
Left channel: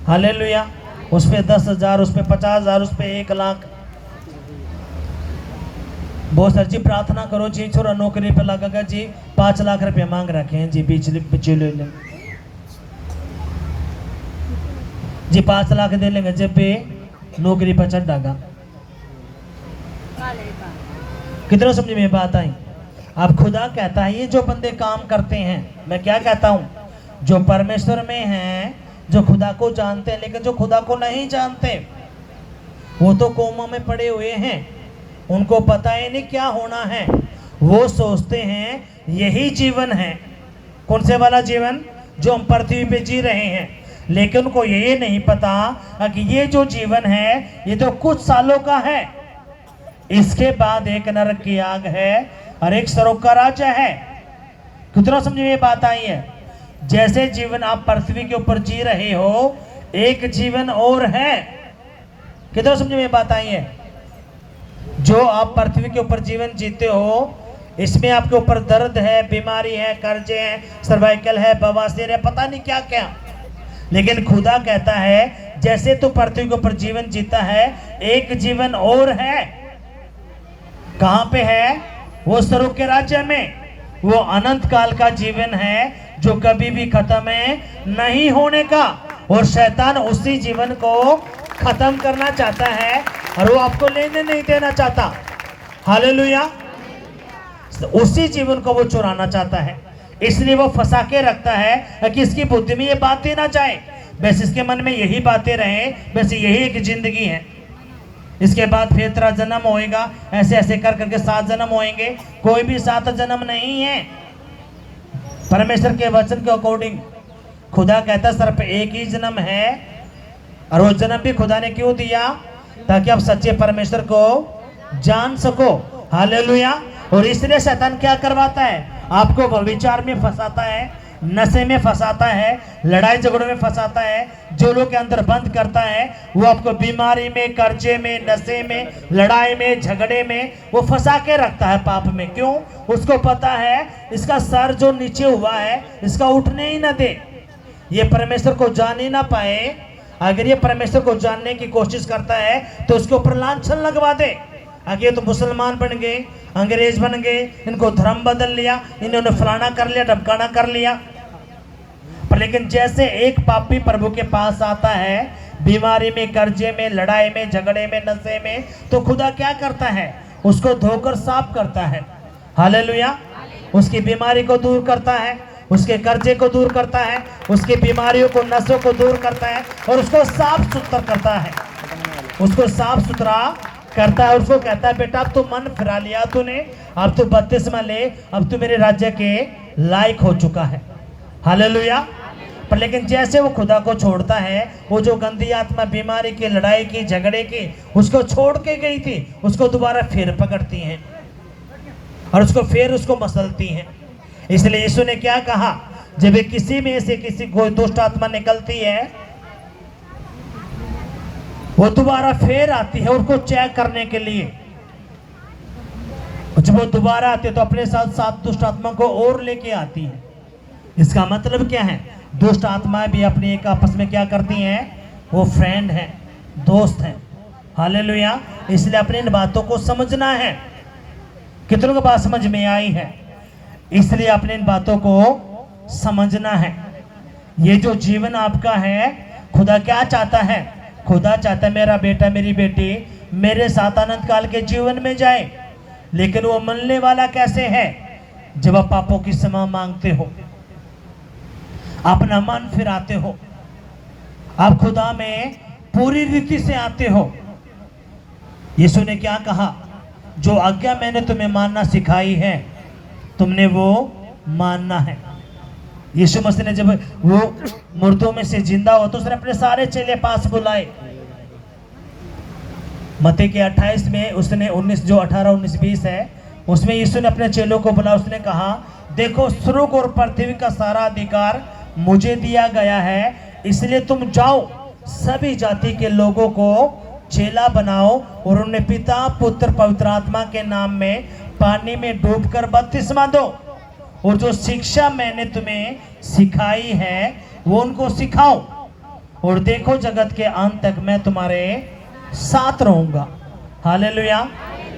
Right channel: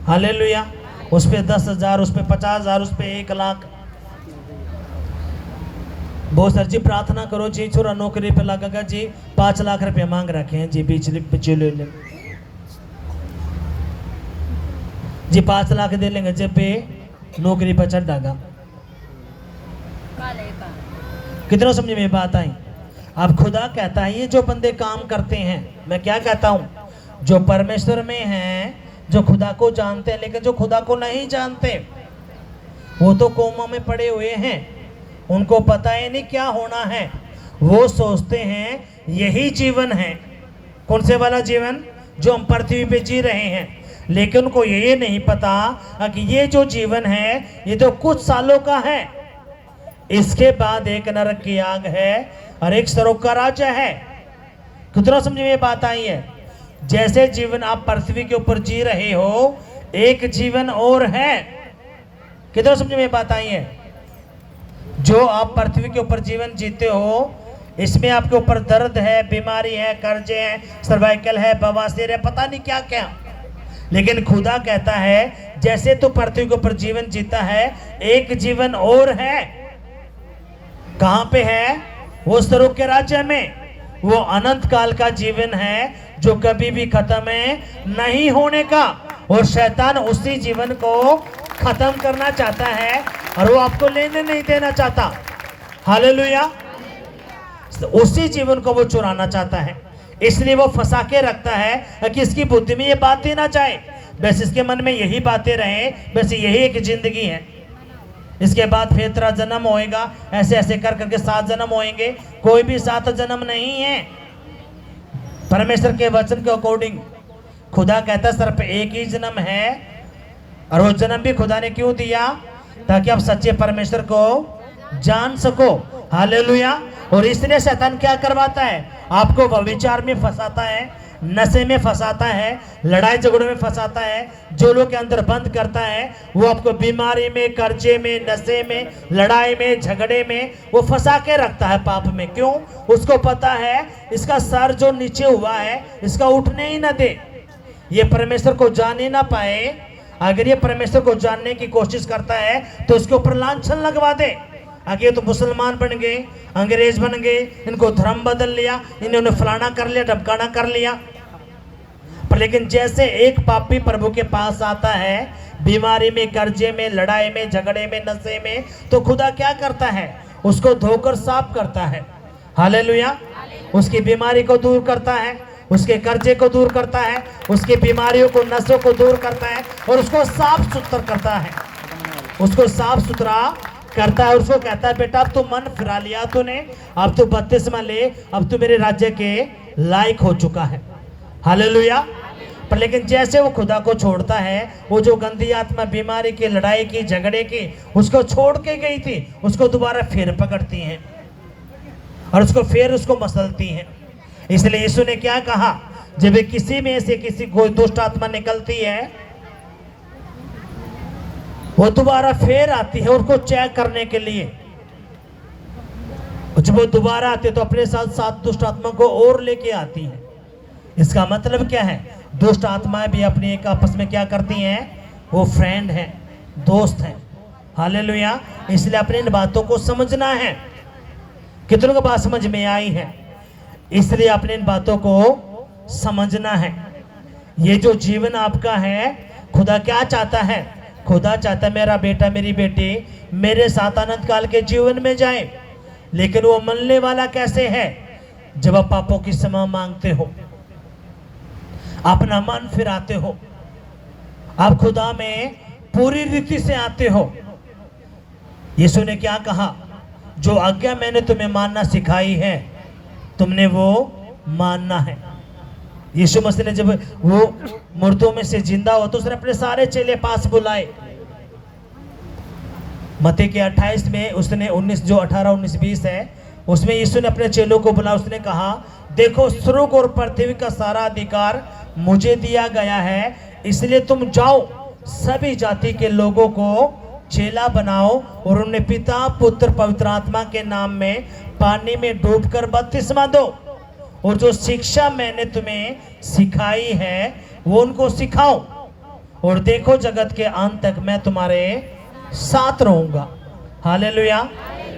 हालेलुया। उस पे 10,000, उस पे 50,000, उस पे 1 लाख। बहुत सर जी प्रार्थना करो जी, छोरा नौकरी पे लगेगा जी, 5 लाख रुपए मांग रखे हैं जी बिचले जी, 5 लाख दे लेंगे जब पे नौकरी पर चढ़ागा। कितना समझ में बात आई? अब खुदा कहता है, ये जो बंदे काम करते हैं, मैं क्या कहता हूं, जो परमेश्वर में हैं, जो खुदा को जानते हैं, लेकिन जो खुदा को नहीं जानते वो तो कोमा में पड़े हुए हैं, उनको पता ही नहीं क्या होना है। वो सोचते हैं यही जीवन है। कौन से वाला जीवन? जो हम पृथ्वी पे जी रहे हैं। लेकिन उनको ये नहीं पता कि ये जो जीवन है ये तो कुछ सालों का है, इसके बाद एक नरक की आग है और एक स्वर्ग का राज्य है। कितना समझ में बात आई है? जैसे जीवन आप पृथ्वी के ऊपर जी रहे हो, एक जीवन और है। कितना समझ में बात आई है? जो आप पृथ्वी के ऊपर जीवन जीते हो, इसमें आपके ऊपर दर्द है, बीमारी है, कर्जे हैं, सर्वाइकल है, बवासीर है, पता नहीं क्या क्या। लेकिन खुदा कहता है, जैसे तू पृथ्वी के ऊपर जीवन जीता है, एक जीवन और है। कहां पे है? वो स्वर्ग के राज्य में। वो अनंत काल का जीवन है जो कभी भी खत्म नहीं होने का। और शैतान उसी जीवन को खत्म करना चाहता है और वो आपको लेने नहीं देना चाहता। हालेलुया। उसी जीवन को वो चुराना चाहता है, इसलिए वो फंसा के रखता है कि इसकी बुद्धि में ये बातें ना जाए, बस इसके मन में यही बातें रहे, बस यही एक जिंदगी है। इसके बाद फिर तेरा जन्म होएगा, ऐसे ऐसे कर करके 7 जन्म होएंगे। कोई भी 7 जन्म नहीं है। परमेश्वर के वचन के अकॉर्डिंग खुदा कहता है सिर्फ एक ही जन्म है, और वो जन्म भी खुदा ने क्यों दिया? ताकि आप सच्चे परमेश्वर को जान सको। हालेलुया। और इसलिए शैतान क्या करवाता है? आपको व्यभिचार में फंसाता है, नशे में फंसाता है, लड़ाई झगड़ों में फंसाता है, जो लोग के अंदर बंद करता है, वो आपको बीमारी में, कर्जे में, नशे में, लड़ाई में, झगड़े में वो फंसा के रखता है पाप में। क्यों? उसको पता है इसका सर जो नीचे हुआ है इसका उठने ही ना दे, ये परमेश्वर को जान ही ना पाए। अगर ये परमेश्वर को जानने की कोशिश करता है तो उसके ऊपर लांछन लगवा दे। आगे तो मुसलमान बन गए, अंग्रेज बन गए, इनको धर्म बदल लिया, इन्होंने फलाना कर लिया, ढमकाना कर लिया। पर लेकिन जैसे एक पापी प्रभु के पास आता है बीमारी में, कर्जे में, लड़ाई में, झगड़े में, नशे में, तो खुदा क्या करता है? उसको धोकर साफ करता है। हालेलुया। उसकी बीमारी को दूर करता है, उसके कर्जे को दूर करता है, उसकी बीमारियों को, नसों को दूर करता है और उसको साफ सुथरा करता है। उसको साफ सुथरा करता है। उसको कहता है बेटा अब तो मन फिरा लिया तूने, अब तो बपतिस्मा ले, अब तो मेरे राज्य के लायक हो चुका है। हालेलुया। पर लेकिन जैसे वो खुदा को छोड़ता है, वो जो गंदी आत्मा बीमारी की, लड़ाई की, झगड़े की उसको छोड़ के गई थी, उसको दोबारा फिर पकड़ती हैं और उसको फिर उसको मसलती हैं। इसलिए यीशु ने क्या कहा? जब किसी में से किसी कोई दुष्ट आत्मा निकलती है, वो दोबारा फिर आती है उसको चेक करने के लिए। जब वो दोबारा आती है तो अपने साथ साथ दुष्ट आत्मा को और लेके आती है। इसका मतलब क्या है? दुष्ट आत्मा भी अपने एक आपस में क्या करती हैं? वो फ्रेंड है, दोस्त है। हालेलुया। इसलिए अपने इन बातों को समझना है। कितनों को बात समझ में आई है? इसलिए अपने इन बातों को समझना है। ये जो जीवन आपका है, खुदा क्या चाहता है? खुदा चाहता है मेरा बेटा, मेरी बेटी मेरे साथ अनंत काल के जीवन में जाए। लेकिन वो मनने वाला कैसे है? जब आप पापों की क्षमा मांगते हो, अपना मन फिराते हो, आप खुदा में पूरी रीति से आते हो। यीशु ने क्या कहा? जो आज्ञा मैंने तुम्हें मानना सिखाई है तुमने वो मानना है। यीशु मसीह ने जब वो मुर्दों में से जिंदा हुआ तो उसने अपने सारे चेले पास बुलाए। मत्ती के 28 में उसने 19 जो 18, 19, 20 है उसमें यीशु ने अपने चेलों को बुला, उसने कहा देखो स्वर्ग और पृथ्वी का सारा अधिकार मुझे दिया गया है, इसलिए तुम जाओ सभी जाति के लोगों को चेला बनाओ और उन्हें पिता, पुत्र, पवित्र आत्मा के नाम में पानी में डूबकर बपतिस्मा दो और जो शिक्षा मैंने तुम्हें सिखाई है वो उनको सिखाओ और देखो जगत के अंत तक मैं तुम्हारे साथ रहूंगा। हालेलुया।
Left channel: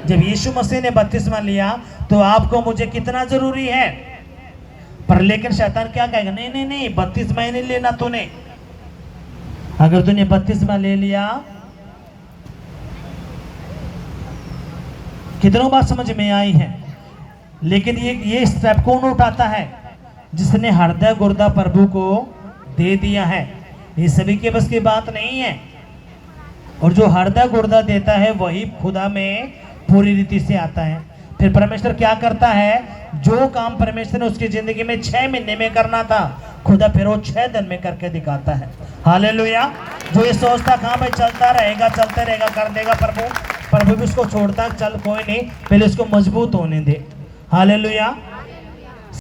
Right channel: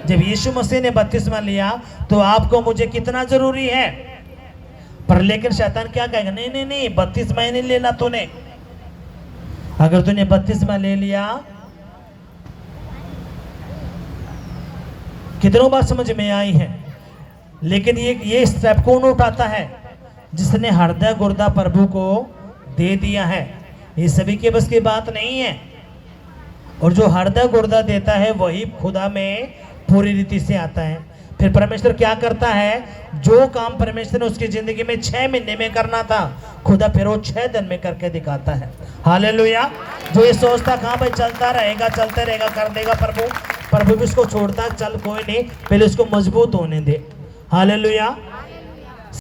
जब यीशु मसीह ने बपतिस्मा लिया तो आपको मुझे कितना जरूरी है। पर लेकिन शैतान क्या कहेगा? नहीं नहीं नहीं, बपतिस्मा ही नहीं लेना तूने। अगर तूने बपतिस्मा ले लिया, कितनों बात समझ में आई है? लेकिन ये स्टेप कौन उठाता है? जिसने हृदय गुर्दा प्रभु को दे दिया है। ये सभी के बस की बात नहीं है। और जो हृदय गुर्दा देता है वही खुदा में पूरी रीति से आता है। फिर परमेश्वर क्या करता है? जो काम परमेश्वर ने उसकी जिंदगी में 6 महीने में करना था, खुदा फिर वो 6 दिन में करके दिखाता है। हालेलुया। जो ये सोचता कहाँ भाई चलता रहेगा, चलते रहेगा, कर देगा प्रभु भी उसको छोड़ता, चल कोई नहीं, पहले उसको मजबूत होने दे। हालेलुया।